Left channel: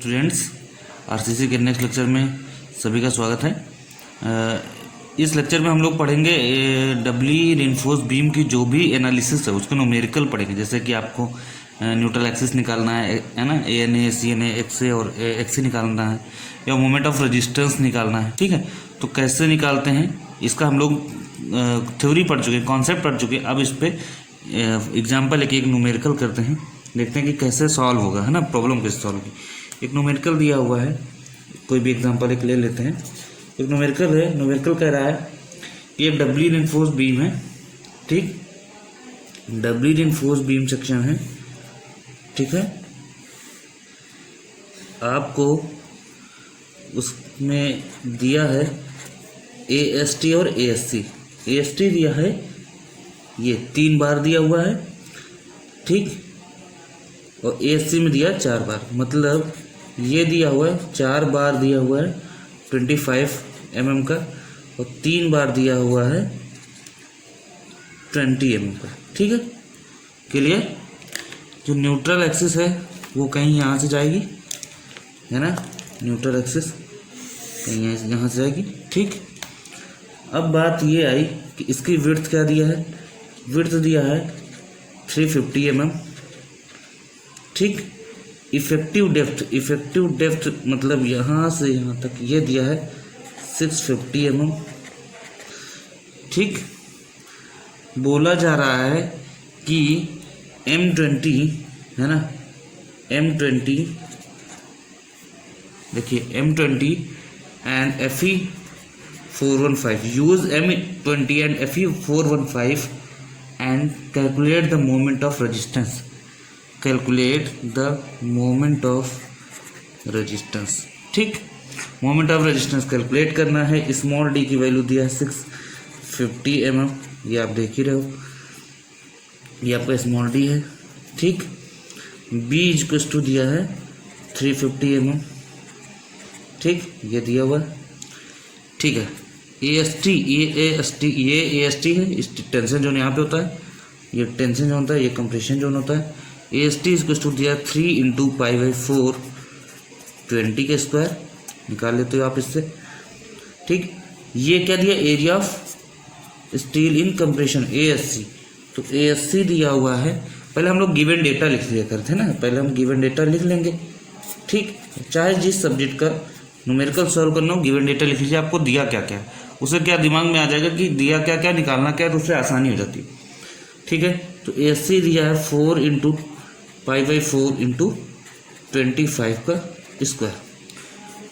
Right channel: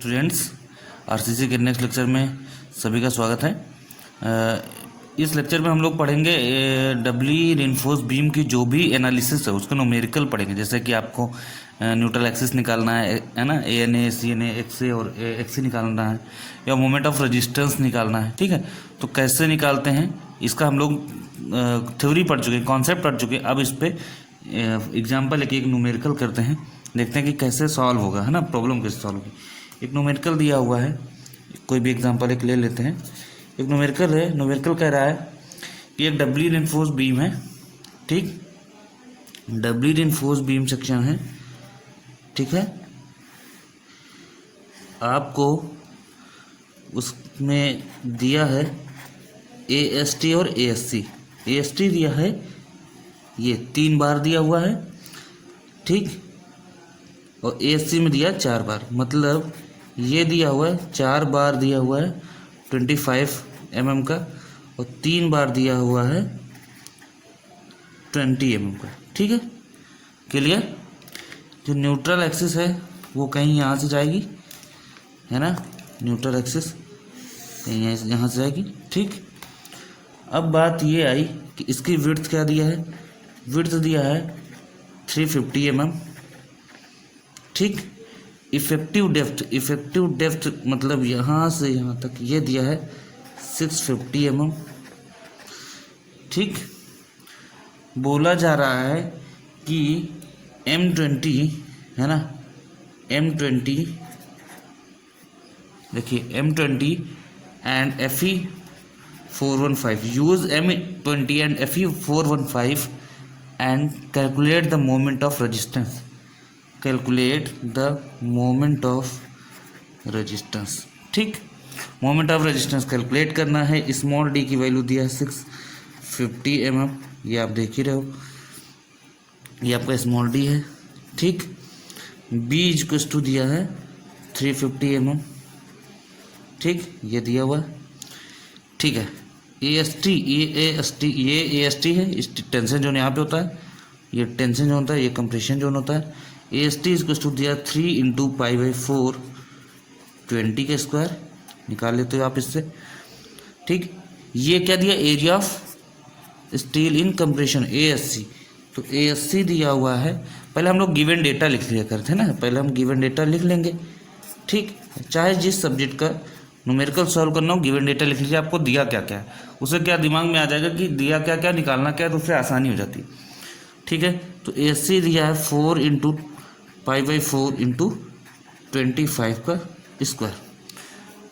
Students, RCC के next lecture में सभी का स्वागत है। इस लेक्चर में हम लोग पढ़ेंगे डबली रिइंफोर्स्ड बीम की जो भी एनालिसिस है उसका न्यूमेरिकल पढ़ेंगे। जैसे कि आपको न्यूट्रल एक्सिस निकालना है ना, ANA CNA XA और XC निकालना है, या मोमेंट ऑफ रेजिस्टेंस निकालना है। ठीक है, तो कैसे निकालते हैं इसका हम लोग थ्योरी पढ़ चुके हैं, कॉन्सेप्ट पढ़ चुके हैं। अब इस पर एग्जाम्पल एक न्यूमेरिकल करते हैं, देखते हैं कि कैसे सॉल्व होगा, है ना, प्रॉब्लम कैसे सॉल्व होगी। एक न्यूमेरिकल दिया हुआ है, कोई भी एग्जांपल एक ले लेते हैं। एक न्यूमेरिकल है, न्यूमेरिकल कह रहा है कि एक डबली रिइंफोर्स्ड बीम है, ठीक, डबली रिइंफोर्स्ड बीम सेक्शन है, ठीक है। आपको उसमें दिया है AST और ASC। AST दिया है, ये 3 बार दिया हुआ है, ठीक, और ASC में दिया 4 बार, मतलब ये दिया हुआ है 4 बार दिया हुआ है 25 mm का, और 3 बार दिया हुआ है 20 mm का। ठीक है, क्लियर। जो न्यूट्रल एक्सिस है वो कहीं यहाँ से जाएगी, है ना, न्यूट्रल एक्सिस कहीं यहाँ से जाएगी, ठीक। अब बात ये आई कि इसकी विड्थ क्या दिया है, विड्थ दिया है 350 mm, ठीक। इफेक्टिव डेप्थ मतलब यहाँ से यहाँ तक ये दिया है 650 mm, ठीक। बोला जा रहा है कि M20, है ना, M20, देखिए M20 and FE 415, use M20 and FE 415 and calculate the moment of resistance, calculate the moment of resistance, ठीक। मोमेंट ऑफ रेजिस्टेंस कैलकुलेट करना है। स्मॉल d की वैल्यू दिया है 650 mm, ये आप देख ही रहे हो, ये आपका स्मॉल d है, ठीक। b इक्वल्स टू दिया है 350 mm, ठीक, ये दिया हुआ, ठीक है। AST ये AST है, इस टेंशन जोन यहाँ पे होता है, ये टेंशन जोन होता है, ये कंप्रेशन जोन होता है। AST इक्वल्स टू दिया 3 × π/4 20 के स्क्वायर, निकाल लेते हो आप इससे, ठीक। ये क्या दिया, area of steel in compression ASC, तो ASC दिया हुआ है। पहले हम लोग गिवन डेटा लिख लिया करते हैं ना, पहले हम गिवन डेटा लिख लेंगे, ठीक। चाहे जिस सब्जेक्ट का न्यूमेरिकल सॉल्व करना हो, गिवन डेटा लिख लीजिए, आपको दिया क्या क्या है, उसे क्या दिमाग में आ जाएगा कि दिया क्या क्या, निकालना क्या है, तो उससे आसानी हो जाती, ठीक है। तो ASC दिया है 4 × π/4 × 25 का स्क्वायर,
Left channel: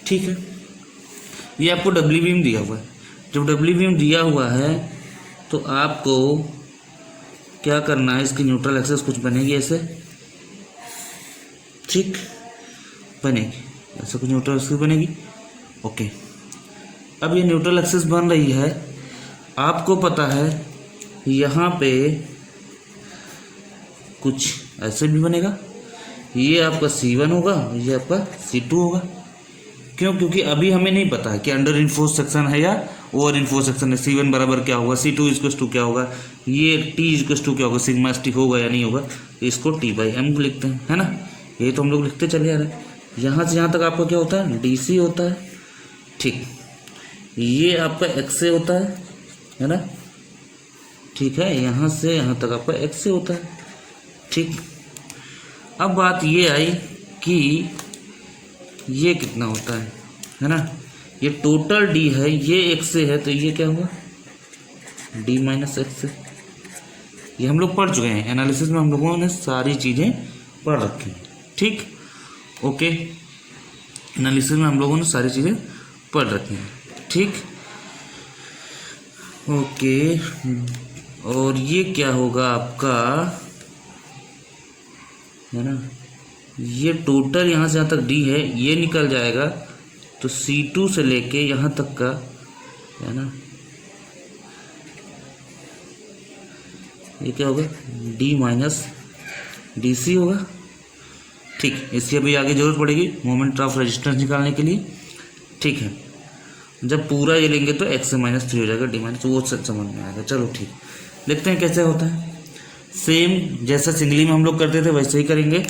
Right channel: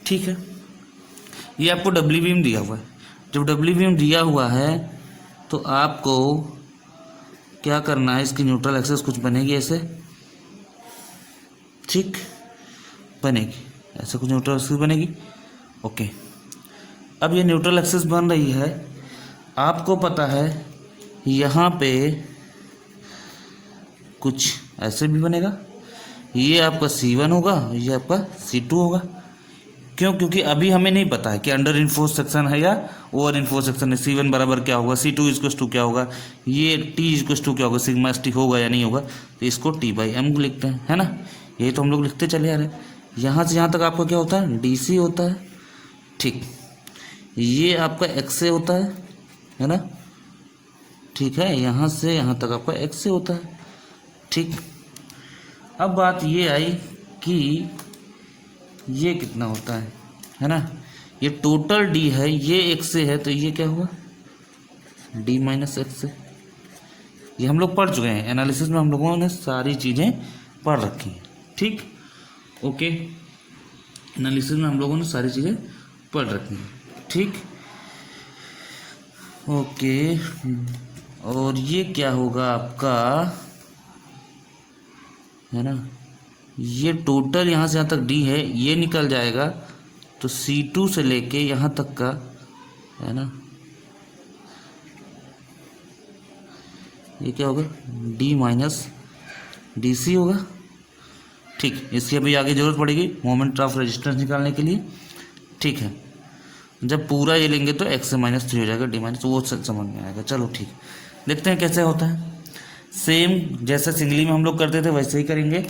ठीक है। ये आपको डब्ल्यू बीम दिया हुआ है। जब डब्ल्यू बीम दिया हुआ है तो आपको क्या करना है, इसकी न्यूट्रल एक्सिस कुछ बनेगी ऐसे, ठीक, बनेगी ऐसा कुछ न्यूट्रल एक्सिस बनेगी, ओके। अब ये न्यूट्रल एक्सिस बन रही है, आपको पता है यहाँ पे कुछ ऐसे भी बनेगा, ये आपका C1 होगा, ये आपका C2 होगा। क्यों? क्योंकि अभी हमें नहीं पता है कि अंडर रिइंफोर्स्ड सेक्शन है या ओवर रिइंफोर्स्ड सेक्शन है। C1 बराबर क्या होगा, C2 इक्वल्स टू क्या होगा, ये T इक्वल्स टू क्या होगा, सिग्मा ST होगा या नहीं होगा, तो इसको T/m लिखते हैं, है ना। यही तो हम लोग लिखते चले आ रहे हैं। यहाँ से यहाँ तक आपका क्या होता है, DC होता है, ठीक। ये आपका XA होता है ना, ठीक है। यहाँ से यहाँ तक आपका XA होता है, ठीक। अब बात ये आई कि ये कितना होता है ना, ये टोटल D है, ये XA है, तो ये क्या हुआ, D - XA। ये हम लोग पढ़ चुके हैं एनालिसिस में, हम लोगों ने सारी चीज़ें पढ़ रखी हैं, ठीक, ओके। एनालिसिस में हम लोगों ने सारी चीज़ें पढ़ रखी हैं, ठीक, ओके। और ये क्या होगा आपका, है ना, ये टोटल यहाँ से यहाँ तक D है, ये निकल जाएगा, तो C2 से लेके यहाँ तक का, है ना, ये क्या होगा, D - DC होगा, ठीक। इसकी अभी आगे जरूरत पड़ेगी मोमेंट ऑफ रेजिस्टेंस निकालने के लिए, ठीक है। जब पूरा ये लेंगे तो x - 3 हो जाएगा, D- तो वो समझ में आएगा। चलो ठीक, देखते हैं कैसे होता है। सेम जैसे सिंगली में हम लोग करते थे वैसे ही करेंगे,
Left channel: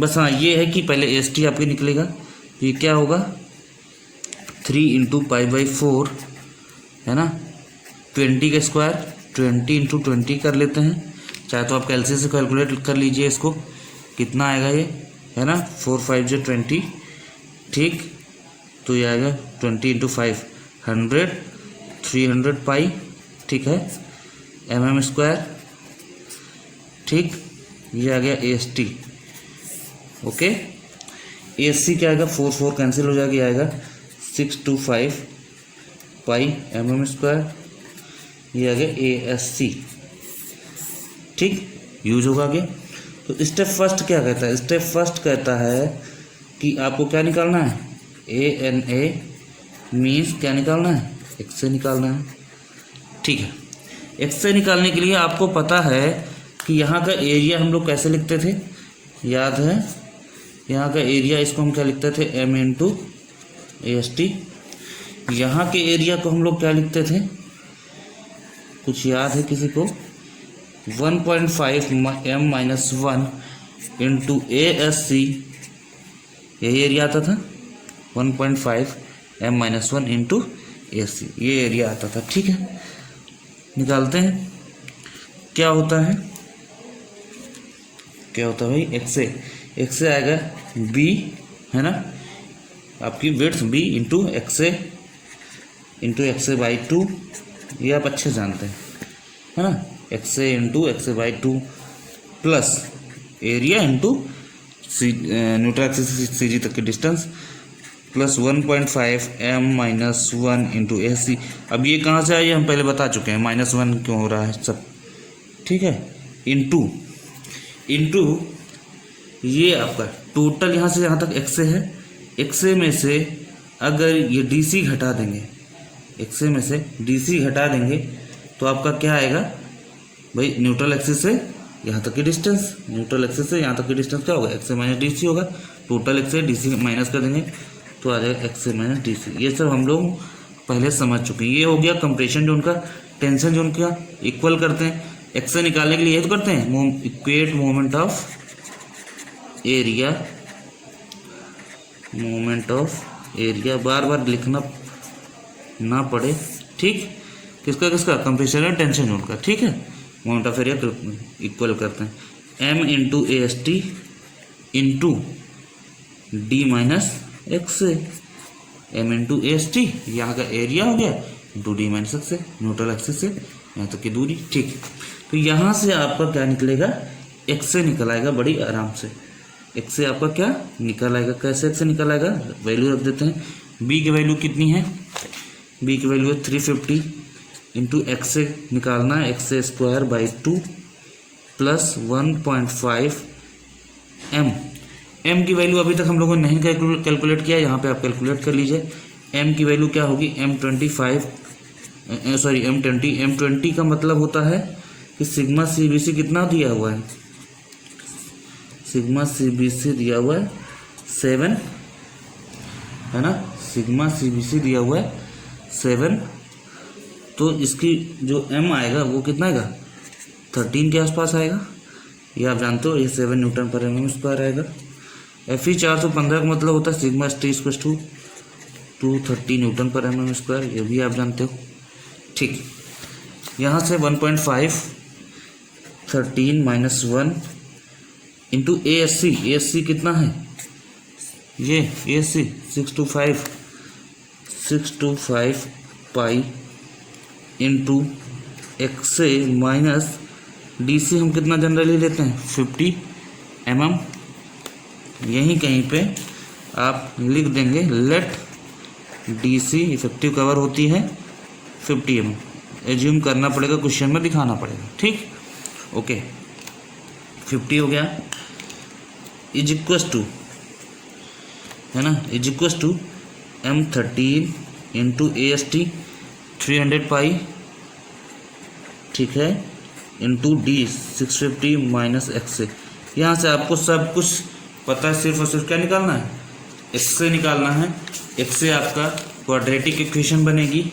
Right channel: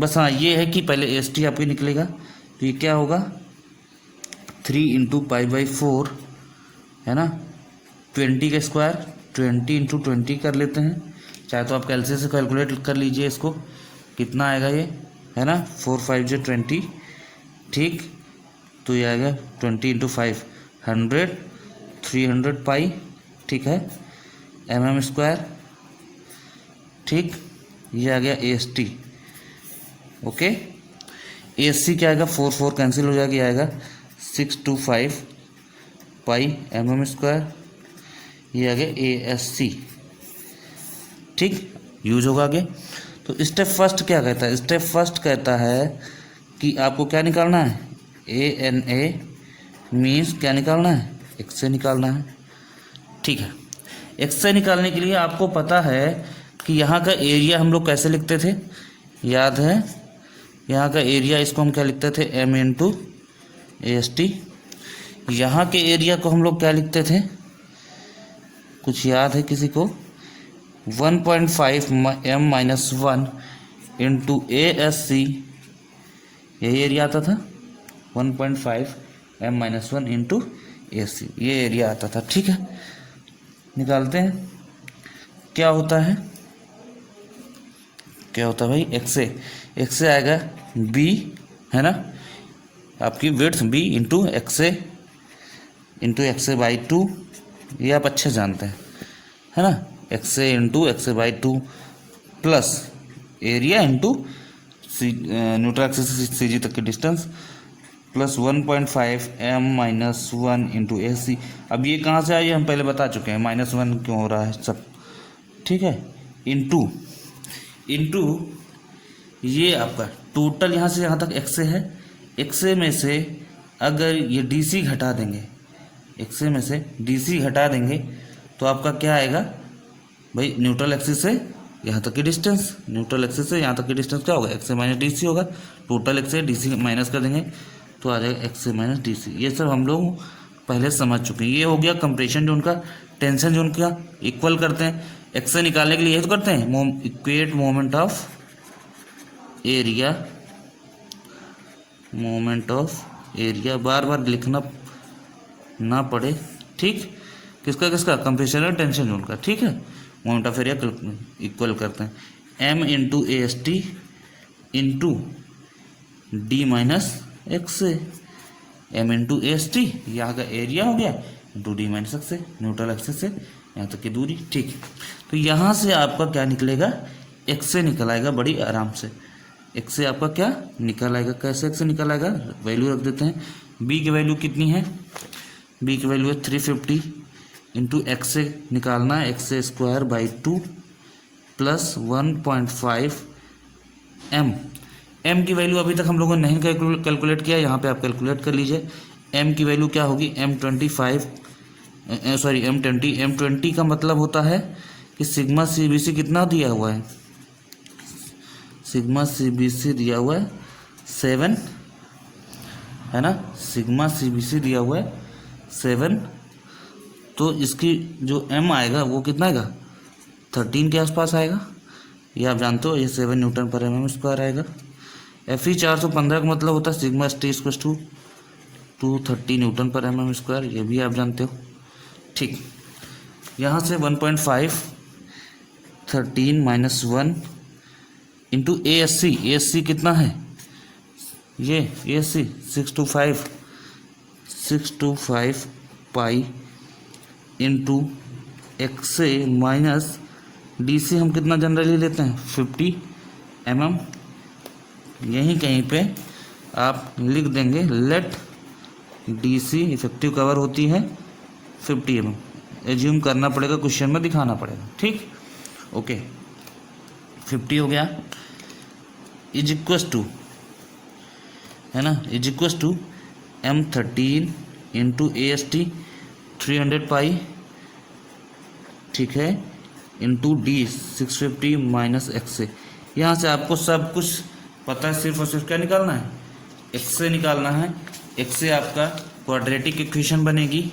बस हाँ ये है कि पहले AST आपके निकलेगा, ये क्या होगा 3 × π/4 है ना, 20 का स्क्वायर 20 × 20 कर लेते हैं, चाहे तो आप कैलसी से कैलकुलेट कर लीजिए इसको, कितना आएगा ये, है ना, 4 5 जो 20, ठीक, तो ये आएगा 20 × 5 100 300 पाई, ठीक है, mm², ठीक, ये आ गया AST, ओके। ASC क्या आएगा, 4 4 कैंसिल हो जाएगा, आएगा 625 पाई mm², ये आ गया ASC, ठीक, यूज होगा आगे। तो स्टेप फर्स्ट क्या कहता है, स्टेप फर्स्ट कहता है कि आपको क्या निकालना है, ANA मीन्स क्या निकालना है, XA निकालना है, ठीक है। XA निकालने के लिए आपको पता है कि यहाँ का एरिया हम लोग कैसे लिखते थे, याद है, यहाँ का एरिया इसको हम क्या लिखते थे, M × AST। यहाँ के एरिया को हम लोग क्या लिखते थे, कुछ याद है किसी को, 1.5 M-1 × ASC, यही एरिया आता था, 1.5 M-1 × ASC, ये एरिया आता था, ठीक है। निकालते हैं, क्या होता है, क्या होता है भाई, XA आएगा B, है ना, आपकी विड्थ B × XA/2, ये आप अच्छे जानते हैं, है ना, XA × XA/2 plus area × neutral axis से CG तक की डिस्टेंस प्लस 1.5 M-1 × AC। अब ये कहाँ से आई हम पहले बता चुके हैं, -1 क्यों हो रहा है सब, ठीक है, इंटू ये आपका टोटल यहाँ से यहाँ तक XA है, XA में से अगर ये DC घटा देंगे, XA में से DC हटा देंगे तो आपका क्या आएगा भाई, न्यूट्रल एक्सिस से यहाँ तक की डिस्टेंस, न्यूट्रल एक्सिस से यहाँ तक की डिस्टेंस क्या होगा, XA - DC होगा, टोटल XA DC माइनस कर देंगे तो आ जाएगा XA - DC। ये सब हम लोग पहले समझ चुके हैं। ये हो गया कंप्रेशन जोन का, टेंशन जोन का इक्वल करते हैं, XA निकालने के लिए ये तो करते हैं, इक्वेट मोमेंट ऑफ एरिया, बार बार लिखना ना पड़े, ठीक, किसका कंप्रेशन और टेंशन जोन का, ठीक है, मोमेंट ऑफ एरिया इक्वल करते हैं, M × AST × D - XA, M × AST यहाँ का एरिया हो गया × D - XA, न्यूट्रल एक्सिस से यहाँ तक की दूरी, ठीक। तो यहाँ से आपका क्या निकलेगा, XA निकल आएगा बड़ी आराम से, XA आपका क्या निकल आएगा, कैसे XA निकल आएगा, वैल्यू रख देते हैं, B की वैल्यू कितनी है, B की वैल्यू है 350 × XA निकालना है, XA² / 2 प्लस 1.5 M की वैल्यू अभी तक हम लोगों ने नहीं कैलकुलेट किया, यहाँ पे आप कैलकुलेट कर लीजिए। M की वैल्यू क्या होगी, M20 का मतलब होता है कि सिग्मा CBC कितना दिया हुआ है, सिग्मा CBC दिया हुआ है 7, है ना, सिग्मा CBC दिया हुआ है 7, तो इसकी जो M आएगा वो कितना आएगा, 13 के आसपास आएगा, ये आप जानते हो, ये 7 Nm² आएगा। Fe 415 का मतलब होता है सिग्मा ST = 230 Nm², ये भी आप जानते हो, ठीक। यहाँ से 1.5 13 - 1 × ASC कितना है, ये ASC 625 पाई × XA माइनस DC हम कितना जनरली लेते हैं, 50 mm, यहीं कहीं पे आप लिख देंगे, लेट DC इफेक्टिव कवर होती है 50 mm, एज्यूम करना पड़ेगा, क्वेश्चन में दिखाना पड़ेगा, ठीक, ओके। 50 हो गया, इज इक्वस टू, है ना, is equals to M13 × AST 300 pi, ठीक है, × D 650 - XA। यहाँ से आपको सब कुछ पता है, सिर्फ और सिर्फ क्या निकालना है, XA निकालना है। XA आपका क्वाड्रेटिक इक्वेशन बनेगी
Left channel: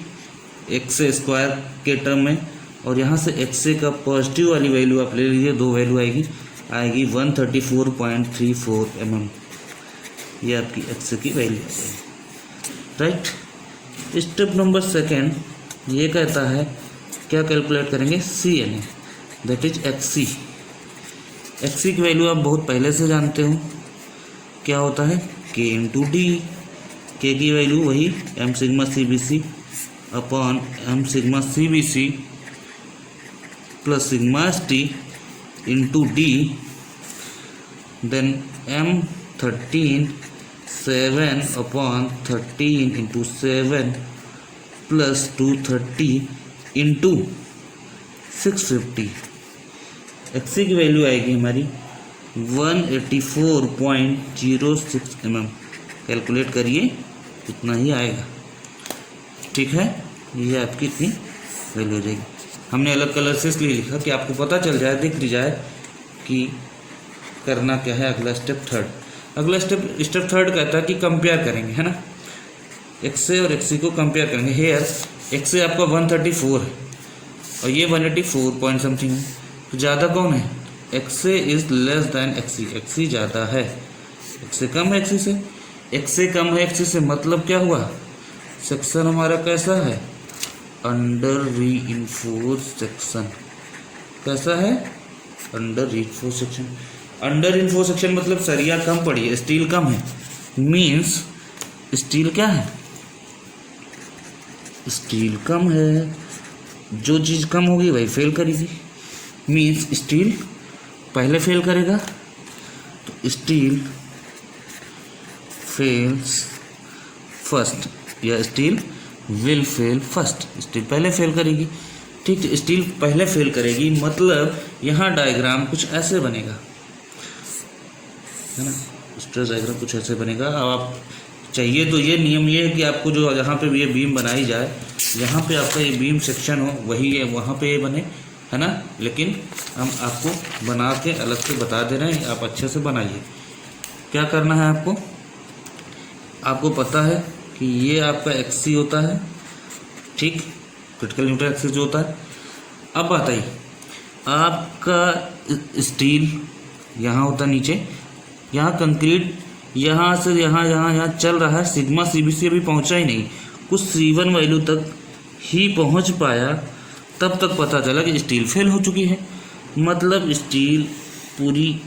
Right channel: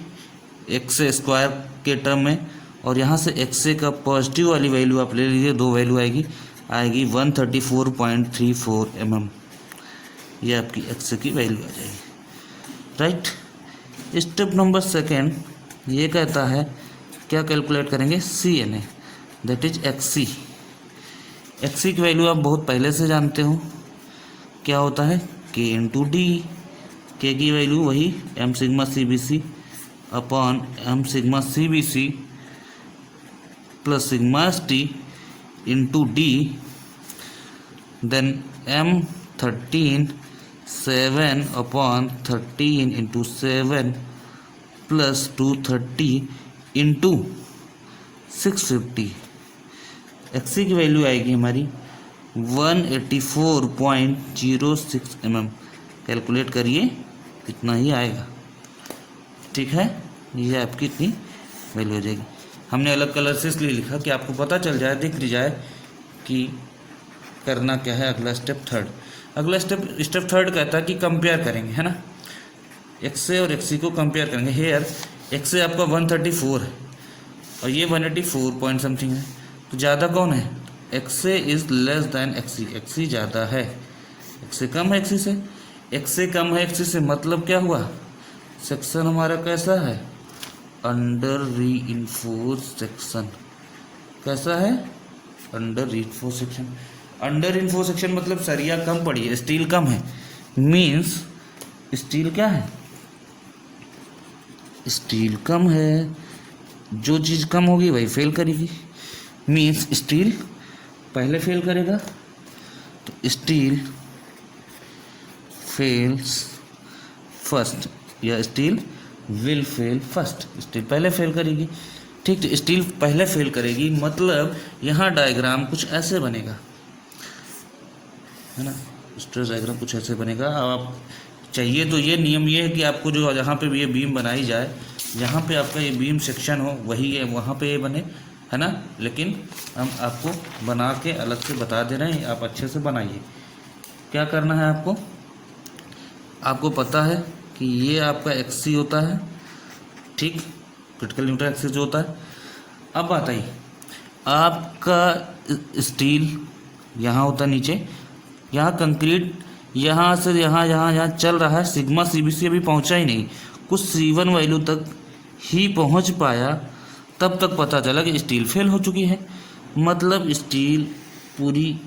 XA² के टर्म में, और यहाँ से XA का पॉजिटिव वाली वैल्यू आप ले लीजिए, 2 वैल्यू आएगी 134.34 mm, ये आपकी एक्स की वैल्यू आ जाएगी, राइट। स्टेप नंबर सेकेंड ये कहता है क्या कैलकुलेट करेंगे, C N A, that is X C. X C की वैल्यू आप बहुत पहले से जानते हो, क्या होता है के इंटू डी। के की वैल्यू वही M sigma C B C upon M sigma C B C plus sigma S T into D, then M 13 7 upon 13 into 7 plus 230 into 650। X की वैल्यू आएगी हमारी 184.06 mm। कैलकुलेट करिए इतना ही आएगा, ठीक है। ये आपकी इतनी वैल्यू हो जाएगी। हमने अलग कलर से इसलिए लिखा कि आपको पता चल जाए, दिख जाए कि करना क्या है। अगला स्टेप थर्ड, अगला स्टेप थर्ड कहता है कि कंपेयर करेंगे, है ना। एक्स ए और एक्स सी को कंपेयर करेंगे। हेयर एक्स ए आपका 134 है और ये 184 पॉइंट समथिंग है, तो ज़्यादा कौन है, X A is less than X C. X C ज़्यादा है, एक्स ए कम है एक्स सी से। एक्स से कम है एक्स सी से, मतलब क्या हुआ, सेक्शन हमारा कैसा है, अंडर रीइंफोर्स सेक्शन। कैसा है, under reinforce section. Under reinforce section मतलब सरिया कम पड़ी है, स्टील कम है, मींस स्टील क्या है, स्टील कम है। जो चीज़ कम होगी वही फेल करेगी, मींस स्टील पहले फेल करेगा, तो स्टील फेल्स फर्स्ट या steel will fail first. Steel पहले फेल करेगी, ठीक है। स्टील पहले फेल करेगी मतलब यहाँ डायग्राम कुछ ऐसे बनेगा, है ना। स्ट्रेस डायग्राम कुछ ऐसे बनेगा। आप चाहिए तो ये नियम ये है कि आपको जो जहाँ पे ये बीम बनाई जाए, जहाँ पे आपका ये बीम सेक्शन हो वही है, वहाँ पे ये बने, है ना। लेकिन हम आपको बना के अलग से बता दे रहे हैं, आप अच्छे से बनाइए। क्या करना है आपको, आपको पता है कि ये आपका एक्स सी होता है, ठीक, क्रिटिकल न्यूट्रल एक्सिस जो होता है। अब बताइए आपका स्टील यहाँ होता है नीचे, यहाँ कंक्रीट यहाँ से यहाँ चल रहा है, सिग्मा सी बी सी अभी पहुँचा ही नहीं, कुछ C1 वैल्यू तक ही पहुँच पाया, तब तक पता चला कि स्टील फेल हो चुकी है। मतलब स्टील पूरी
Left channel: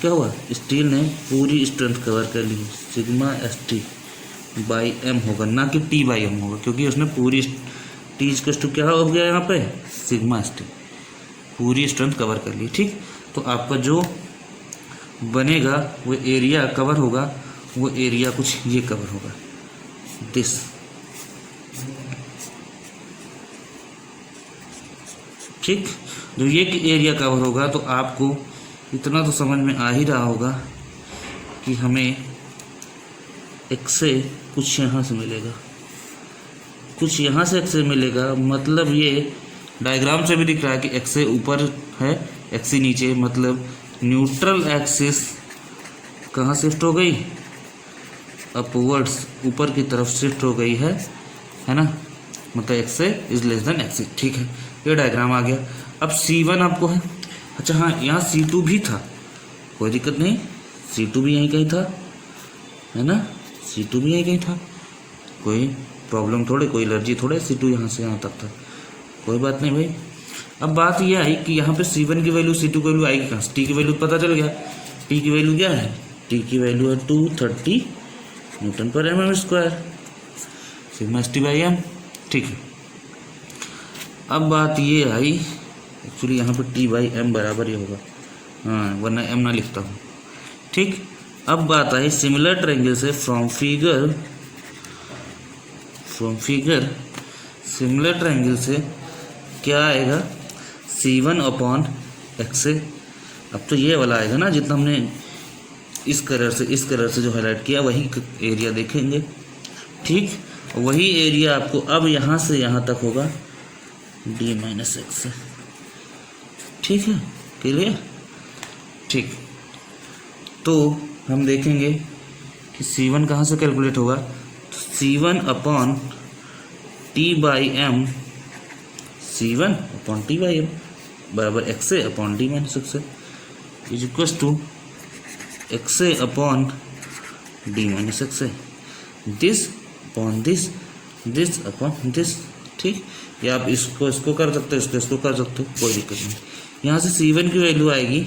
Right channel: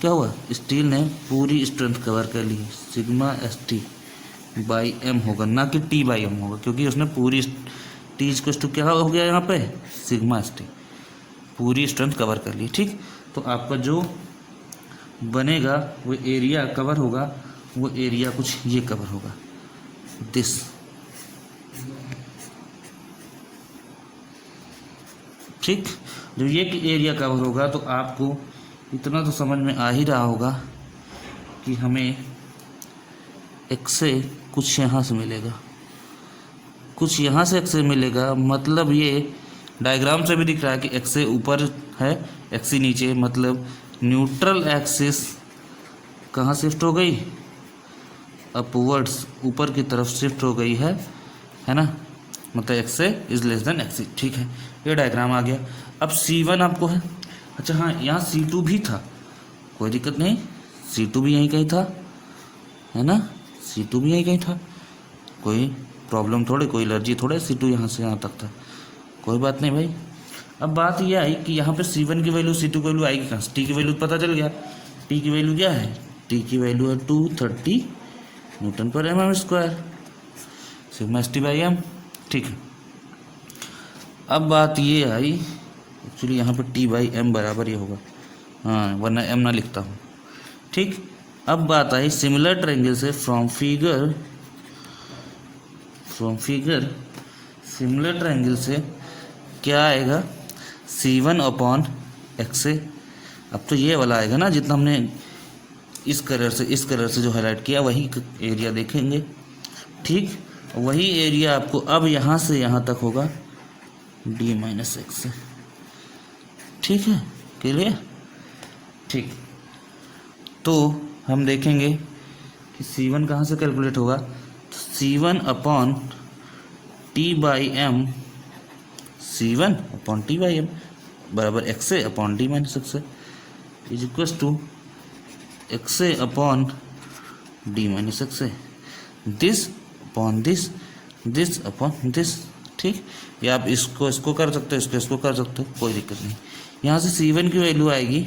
क्या हुआ, स्टील ने पूरी स्ट्रेंथ कवर कर ली। Sigma S T by M होगा, ना कि टी बाई एम होगा, क्योंकि उसने पूरी टी इक्वल टू क्या हो गया यहाँ पे, सिग्मा एस टी, पूरी स्ट्रेंथ कवर कर ली, ठीक। तो आपका जो बनेगा वो एरिया कवर होगा, वो एरिया कुछ ये कवर होगा, दिस, ठीक। जो ये एरिया कवर होगा तो आपको इतना तो समझ में आ ही रहा होगा कि हमें एक्स से कुछ यहाँ से मिलेगा, कुछ यहाँ से एक्स से मिलेगा। मतलब ये डायग्राम से भी दिख रहा है कि एक्स से ऊपर है, एक्स से नीचे, मतलब न्यूट्रल एक्सिस कहाँ शिफ्ट हो गई, अपवर्ड्स, ऊपर की तरफ शिफ्ट हो गई है ना। मतलब एक्स से इज लेस देन एक्स, ठीक है। ये डायग्राम आ गया। अब C1 आपको है, अच्छा हाँ, यहाँ C2 भी था, कोई दिक्कत नहीं, C2 भी यहीं कहीं था, है ना, C2 भी यहीं कहीं था, कोई प्रॉब्लम थोड़े, कोई एलर्जी थोड़े, C2 यहाँ से यहाँ तक था, कोई बात नहीं भाई। अब बात यह आई कि यहाँ पे C1 की वैल्यू C2 की वैल्यू आएगी कहाँ से, T की वैल्यू पता चल गया। T की वैल्यू क्या है, T की वैल्यू है 230 newton per mm square, sigma S T by M, ठीक है। अब बात ये आई, एक्चुअली यहाँ पर T बाई एम बराबर ही होगा, हाँ, वरना एम ना लिखता हूँ, ठीक। अब बात आई सिमिलर ट्रायंगल से, फ्रॉम फिगर सिमिलर ट्रायंगल से क्या आएगा, C1 अपॉन एक्स। अब तो ये वाला आएगा ना, जितना हमने इस कलर से जो हाईलाइट किया वही एरिया देखेंगे, ठीक। वही एरिया आपको अब यहाँ से यहाँ तक होगा D माइनस एक्स, ठीक है, क्लियर, ठीक। तो हम देखेंगे कि C1 कहाँ से कैलकुलेट होगा, तो C1 upon T by M, C1 upon T by M बराबर X upon D minus X is equal to X upon D minus X है, this upon this, this upon this. ठीक, या आप इसको कर सकते हो, इसको कर सकते हो, कोई दिक्कत नहीं। यहाँ से C1 की वैल्यू आएगी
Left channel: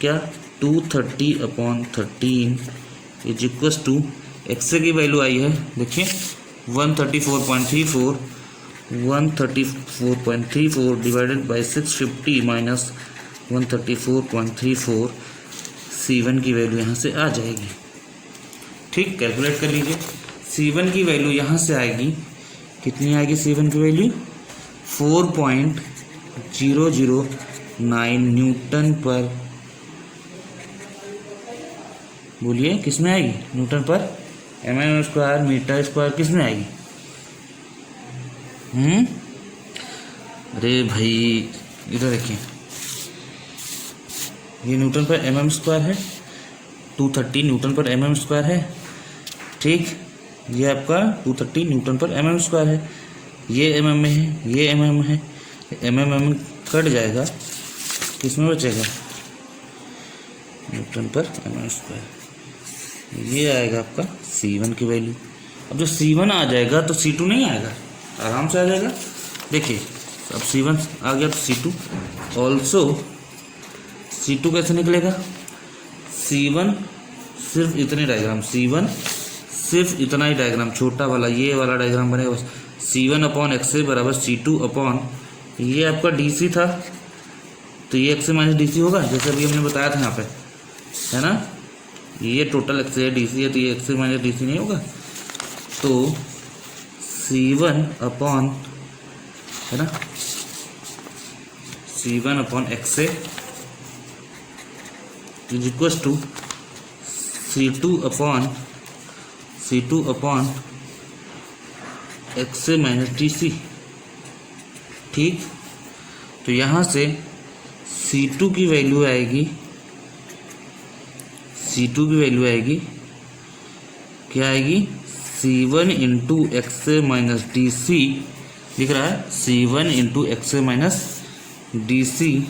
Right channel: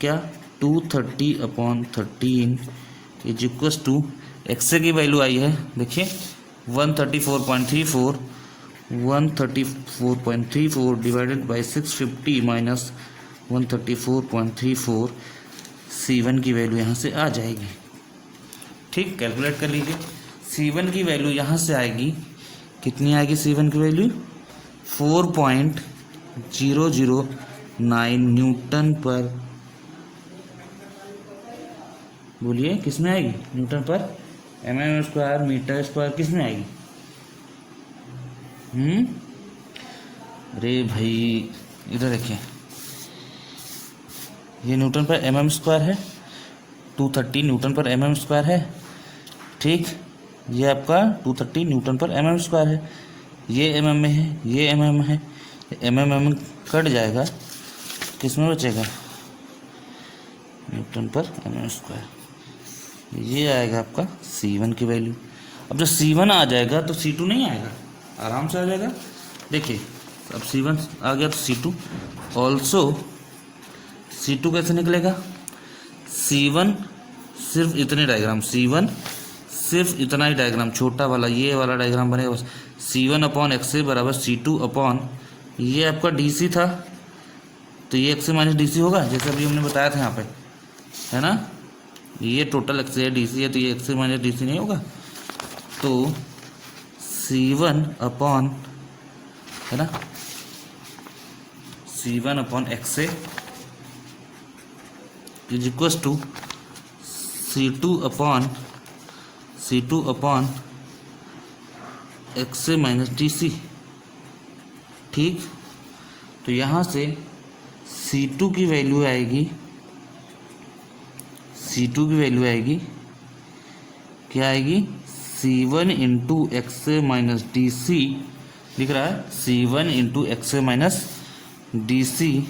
क्या, 230 upon 13 is equals to X की वैल्यू आई है, देखिए 134.34, 134.34 डिवाइडेड बाई 650 माइनस 134.34, C1 की वैल्यू यहाँ से आ जाएगी। ठीक, कैलकुलेट कर लीजिए। C1 की वैल्यू यहाँ से आएगी, कितनी आएगी C1 की वैल्यू, 4.009 न्यूटन पर, बोलिए किस में आएगी, Newton per mm square metre square, किस में आएगी? अरे भाई इधर देखिए, ये न्यूटन पर mm स्क्वायर है, 230 न्यूटन पर mm स्क्वायर है। ठीक, ये आपका 230 न्यूटन पर mm स्क्वायर है, ये mm में है, ये mm है, mm कट जाएगा, किसमें बचेगा, न्यूटन पर mm स्क्वायर। ये आएगा आपका C1 की वैल्यू। अब जब C1 आ जाएगा तो C2 नहीं आएगा, आराम से आ जाएगा। देखिए अब C1 आ गया तो C2 ऑल्सो, C2 कैसे निकलेगा, C1 सिर्फ इतने डायग्राम, C1 सिर्फ इतना ही डायग्राम, छोटा वाला ये वाला डायग्राम बनेगा बस। C1 अपॉन एक्स से बराबर C2 अपॉन, ये आपका DC था तो ये एक्स से माइनस DC होगा, जैसे अभी हमने बताया था यहाँ पे, है ना, ये टोटल एक्स है, DC है, तो ये एक्स से माइनस DC नहीं होगा। तो C1 अपॉन, है ना, C1 अपॉन एक्स से is equals to C2 upon X से माइनस DC। ठीक, तो यहाँ से C2 की वैल्यू आएगी, C2 की वैल्यू आएगी, क्या आएगी, C1 इंटू एक्स से माइनस DC, लिख रहा है C1 इंटू एक्स से minus DC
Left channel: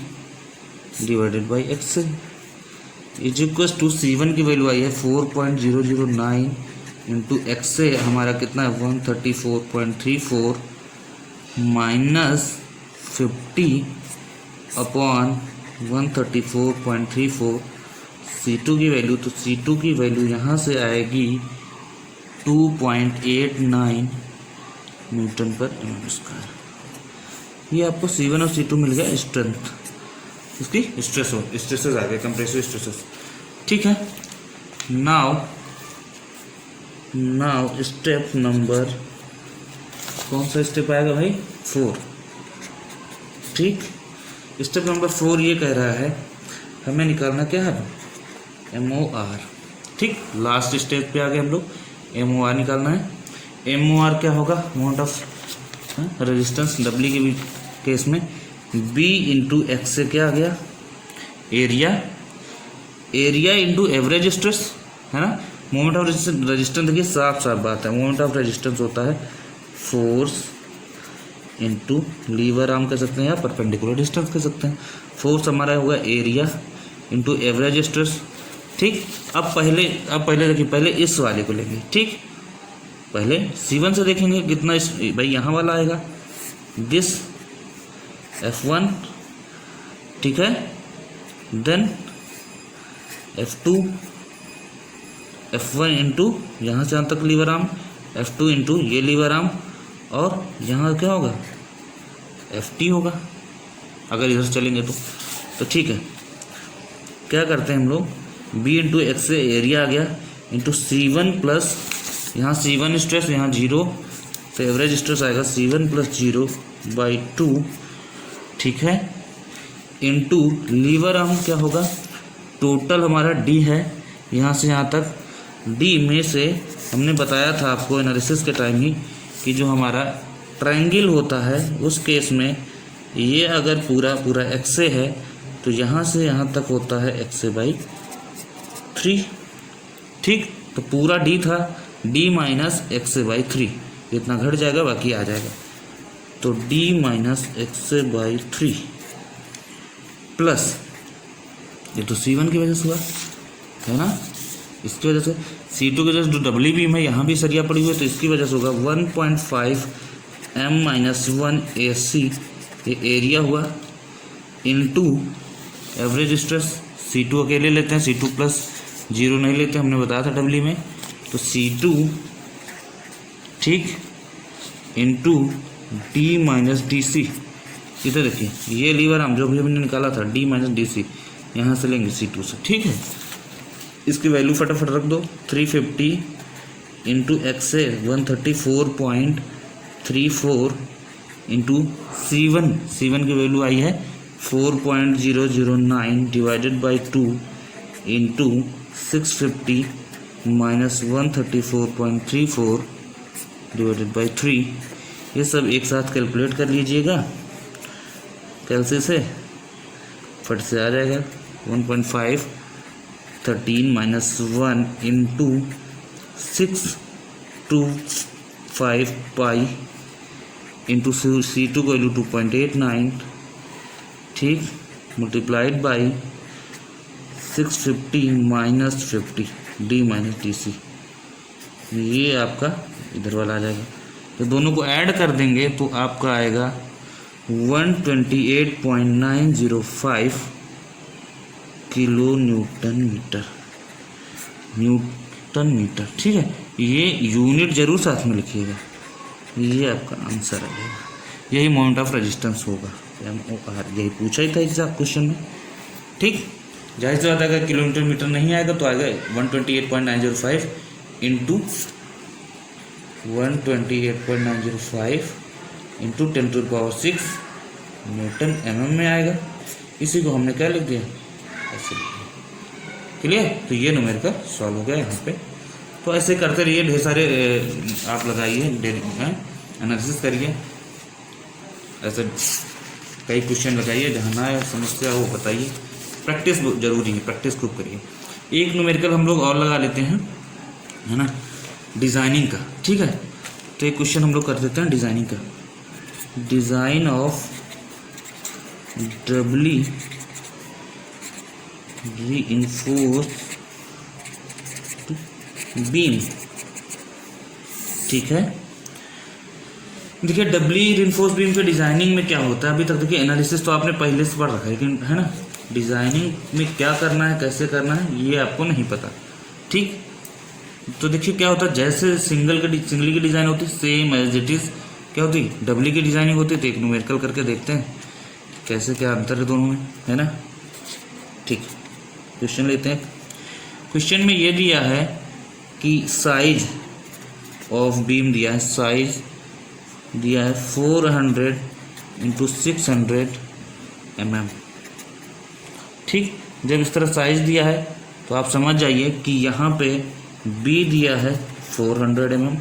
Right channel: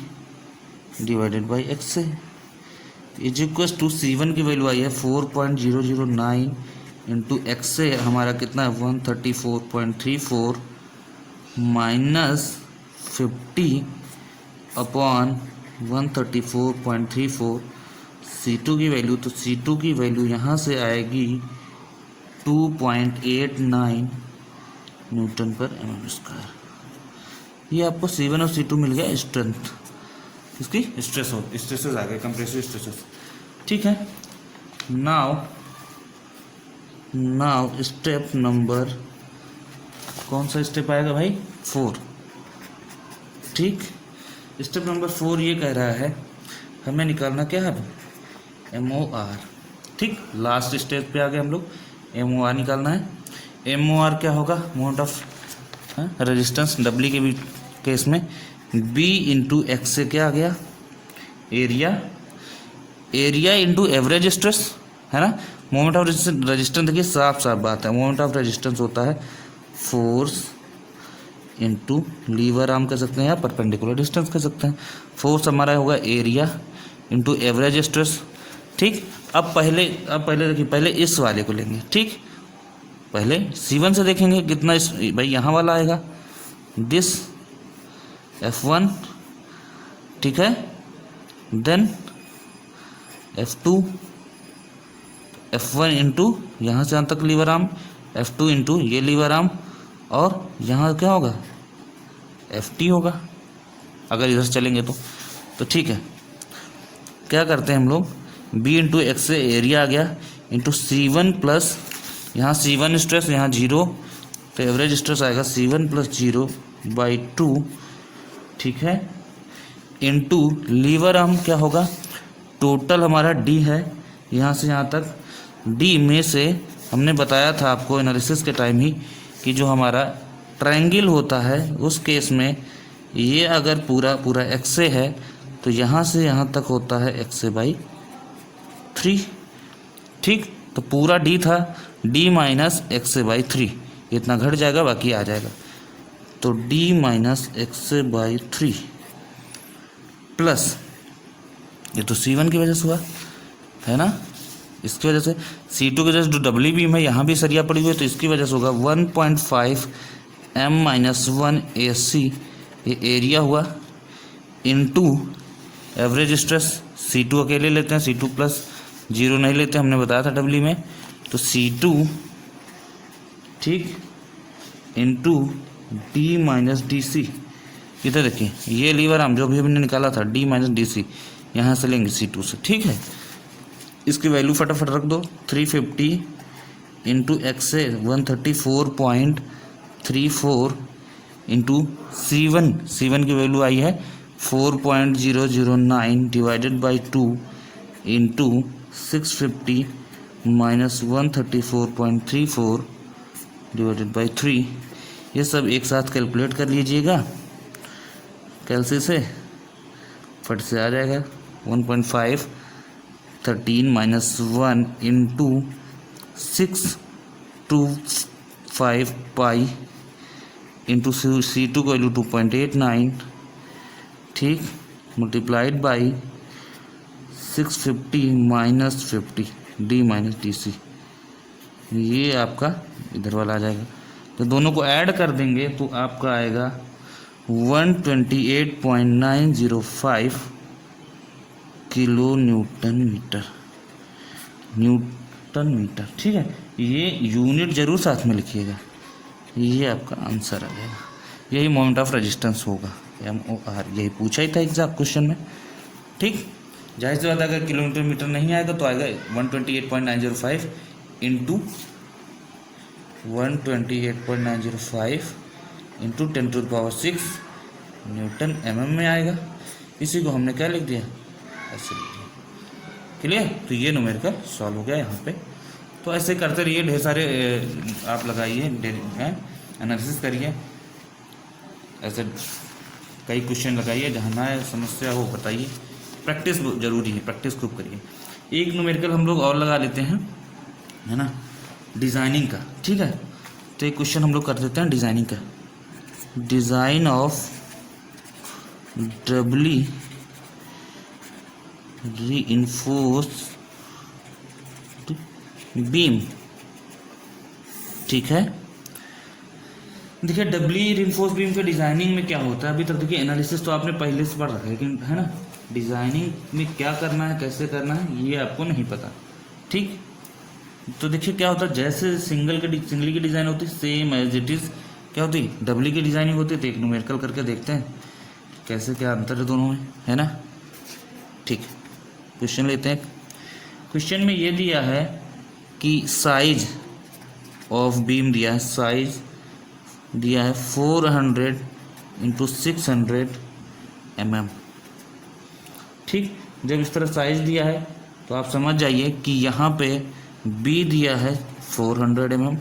divided by X is equal to C1 की वैल्यू आई है 4.009 इंटू एक्स से हमारा कितना है 134.34 माइनस 50 अपॉन 134.34 C2 की वैल्यू, तो C2 की वैल्यू यहाँ से आएगी 2.89 न्यूटन पर mm स्क्वायर। ये आपको C1 और C2 मिल गया स्ट्रेंथ, इसकी स्ट्रेसेस आ गए, कंप्रेसिव स्ट्रेसेस। ठीक है, नाउ स्टेप नंबर, कौन सा स्टेप आएगा भाई, 4। ठीक, स्टेप नंबर 4 ये कह रहा है हमें निकालना क्या है, MOR। ठीक, लास्ट स्टेप पे आ गए हम लोग, MOR निकालना है। MOR क्या होगा, मोमेंट ऑफ रेजिस्टेंस, W के केस में B इंटू एक्स से क्या आ गया, एरिया इंटू एवरेज स्ट्रेस, है ना। मोमेंट ऑफ रेजिस्टेंस देखिए साफ साफ बात है, मोमेंट ऑफ रेजिस्टेंस होता है फोर्स इंटू लीवर आर्म कह सकते हैं या परपेंडिकुलर डिस्टेंस कह सकते हैं। फोर्स हमारा होगा एरिया इंटू एवरेज स्ट्रेस। ठीक, अब पहले देखिए, पहले इस वाले को लेंगे। ठीक, पहले C1 से देखेंगे कितना, इस भाई यहाँ वाला आएगा, दिस F1, ठीक है, देन F2, F1 इंटू यहाँ से यहाँ तक लीवर आर्म, F2 इंटू ये लीवर आर्म, और यहाँ क्या होगा, FT होगा अगर इधर से चलेंगे तो ठीक है, क्या करते हैं हम लोग, B इंटू एक्स से एरिया आ गया इंटू C1 प्लस यहाँ C1 स्ट्रेस, यहाँ 0, तो एवरेज स्ट्रेस आएगा C1 प्लस 0/2, ठीक है, इंटू लीवर आर्म क्या होगा, टोटल हमारा D है यहाँ से यहाँ तक, D में से हमने बताया था आपको एनालिसिस के टाइम ही कि जो हमारा ट्रायंगल होता है उस केस में ये अगर पूरा x से है तो यहाँ से यहाँ तक होता है x/3। ठीक, तो पूरा D था, D माइनस x/3, इतना घट जाएगा, बाकी आ जाएगा, तो D माइनस x/3 प्लस ये तो C1 की वजह से हुआ, है ना, इसकी वजह से C2 की वजह से जो डब्ल्यू बीम है यहाँ भी सरिया पड़ी हुई है, तो इसकी वजह से होगा 1.5 M-1 AC, ये एरिया हुआ, इनटू एवरेज स्ट्रेस। C2 अकेले लेते हैं, C2 प्लस 0 नहीं लेते, हमने बताया था डब्ल्यू में। तो C2 ठीक इनटू D माइनस DC। इधर देखिए ये लीवर आर्म जो भी हमने निकाला था D माइनस DC, यहाँ से लेंगे C2 से, ठीक है। इसकी वैल्यू फटाफट रख दो, 350 इंटू एक्स है 134.34 इंटू C1 की वैल्यू आई है 4.009 divided by 2 into 650 minus 134.34 divided by 3। ये सब एक साथ कैलकुलेट कर लीजिएगा कैलसी से, फट से आ जाएगा 1.5 13 minus 1 into 625 pi into C2 को वैल्यू 2.89, ठीक, multiplied by 650 minus 50 D minus DC। ये आपका इधर वाला आ जाएगा, तो दोनों को ऐड कर देंगे तो आपका आएगा 128.905 किलो न्यूटन मीटर, ठीक है। ये यूनिट जरूर साथ में लिखिएगा, ये आपका आंसर आ जाएगा। यही मोमेंट ऑफ रेजिस्टेंस होगा, यही पूछा ही था एग्जाम क्वेश्चन में, ठीक। जाहिर सी बात है अगर किलोमीटर मीटर नहीं आएगा तो आएगा 128.905 इंटू 128.905 इंटू 10⁶ न्यूटन mm में आएगा। इसी को हमने क्या लिख दिया, ऐसे लिख दिया, क्लियर। तो ये न्यूमेरिकल सॉल्व हो गया यहाँ पे। तो ऐसे करते रहिए, ढेर सारे आप लगाइए, एनालिसिस करिए, ऐसे कई क्वेश्चन लगाइए, जहाँ ना समस्या हो बताइए। प्रैक्टिस जरूरी है, प्रैक्टिस खूब करिए। एक न्यूमेरिकल हम लोग और लगा लेते हैं, है ना, डिज़ाइनिंग का, ठीक है। तो एक क्वेश्चन हम लोग कर देते हैं डिज़ाइनिंग का। Design of Dabali reinforced beam, ठीक है। देखिए डबली रीइंफोर्स्ड बीम के डिज़ाइनिंग में क्या होता है, अभी तक देखिए एनालिसिस तो आपने पहले से पढ़ रखा है, लेकिन है ना डिज़ाइनिंग में क्या करना है, कैसे करना है, ये आपको नहीं पता, ठीक। तो देखिए क्या होता है, जैसे सिंगल की डिज़ाइन होती है सेम एज इट इज़ क्या होती है, डबली की डिज़ाइनिंग होती है। तो एक न्यूमेरिकल करके देखते हैं कैसे क्या अंतर है दोनों में, है ना, ठीक। क्वेश्चन लेते हैं। क्वेश्चन में ये दिया है कि साइज ऑफ बीम दिया है, साइज दिया है 400 इंटू 600 mm, ठीक। जब इस तरह साइज दिया है तो आप समझ जाइए कि यहाँ पे B दिया है 400 mm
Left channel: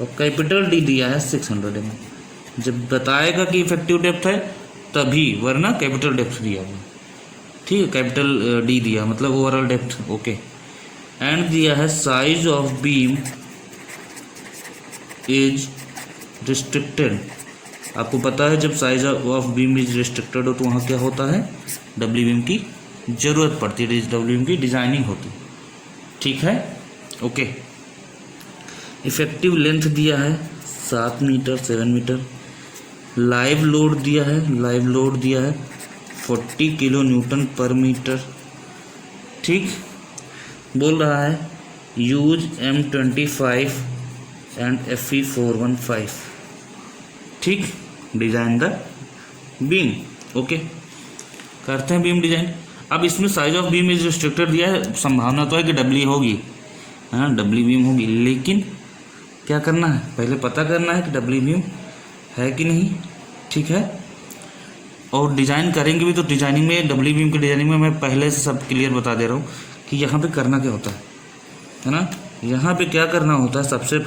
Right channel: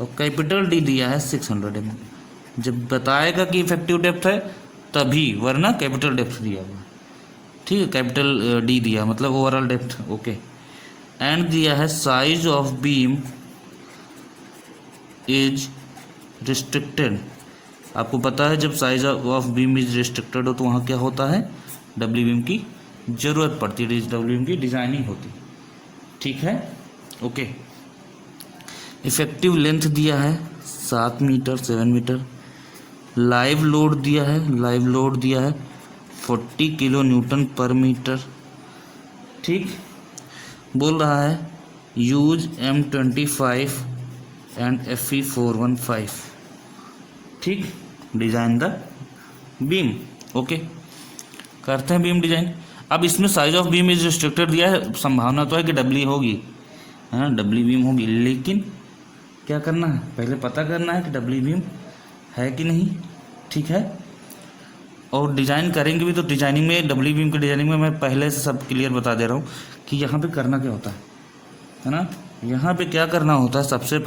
और कैपिटल D दिया है 600 mm। जब बताएगा कि इफेक्टिव डेप्थ है तभी, वरना कैपिटल डेप्थ दिया हुआ, ठीक है, कैपिटल D दिया मतलब ओवरऑल डेप्थ, ओके। एंड दिया है size of beam is restricted. आपको पता है जब size of beam is restricted हो तो वहाँ क्या होता है, डब्ल्यू बीम की ज़रूरत पड़ती है, डब्ल्यू बीम की डिज़ाइनिंग होती है, ठीक है, ओके। इफेक्टिव लेंथ दिया है 7 मीटर 7 मीटर। लाइव लोड दिया है 40 किलो न्यूटन पर मीटर, ठीक। बोल रहा है यूज M25 एंड Fe415, ठीक, डिज़ाइन द बीम, ओके। करते हैं बीम डिज़ाइन। अब इसमें size of beam is restricted दिया है, संभावना तो है कि डब्ल्यू होगी, हाँ डब्ल्यू बीम होगी, लेकिन क्या करना है, पहले पता करना है कि डब्ल्यू बीम है कि नहीं, ठीक है। और डिज़ाइन करेंगे भी तो डिज़ाइनिंग में, डब्ल्यू बीम के डिज़ाइनिंग में मैं पहले से सब क्लियर बता दे रहा हूँ कि यहाँ पे करना क्या होता है ना। यहाँ पे क्या करना होता है, सबसे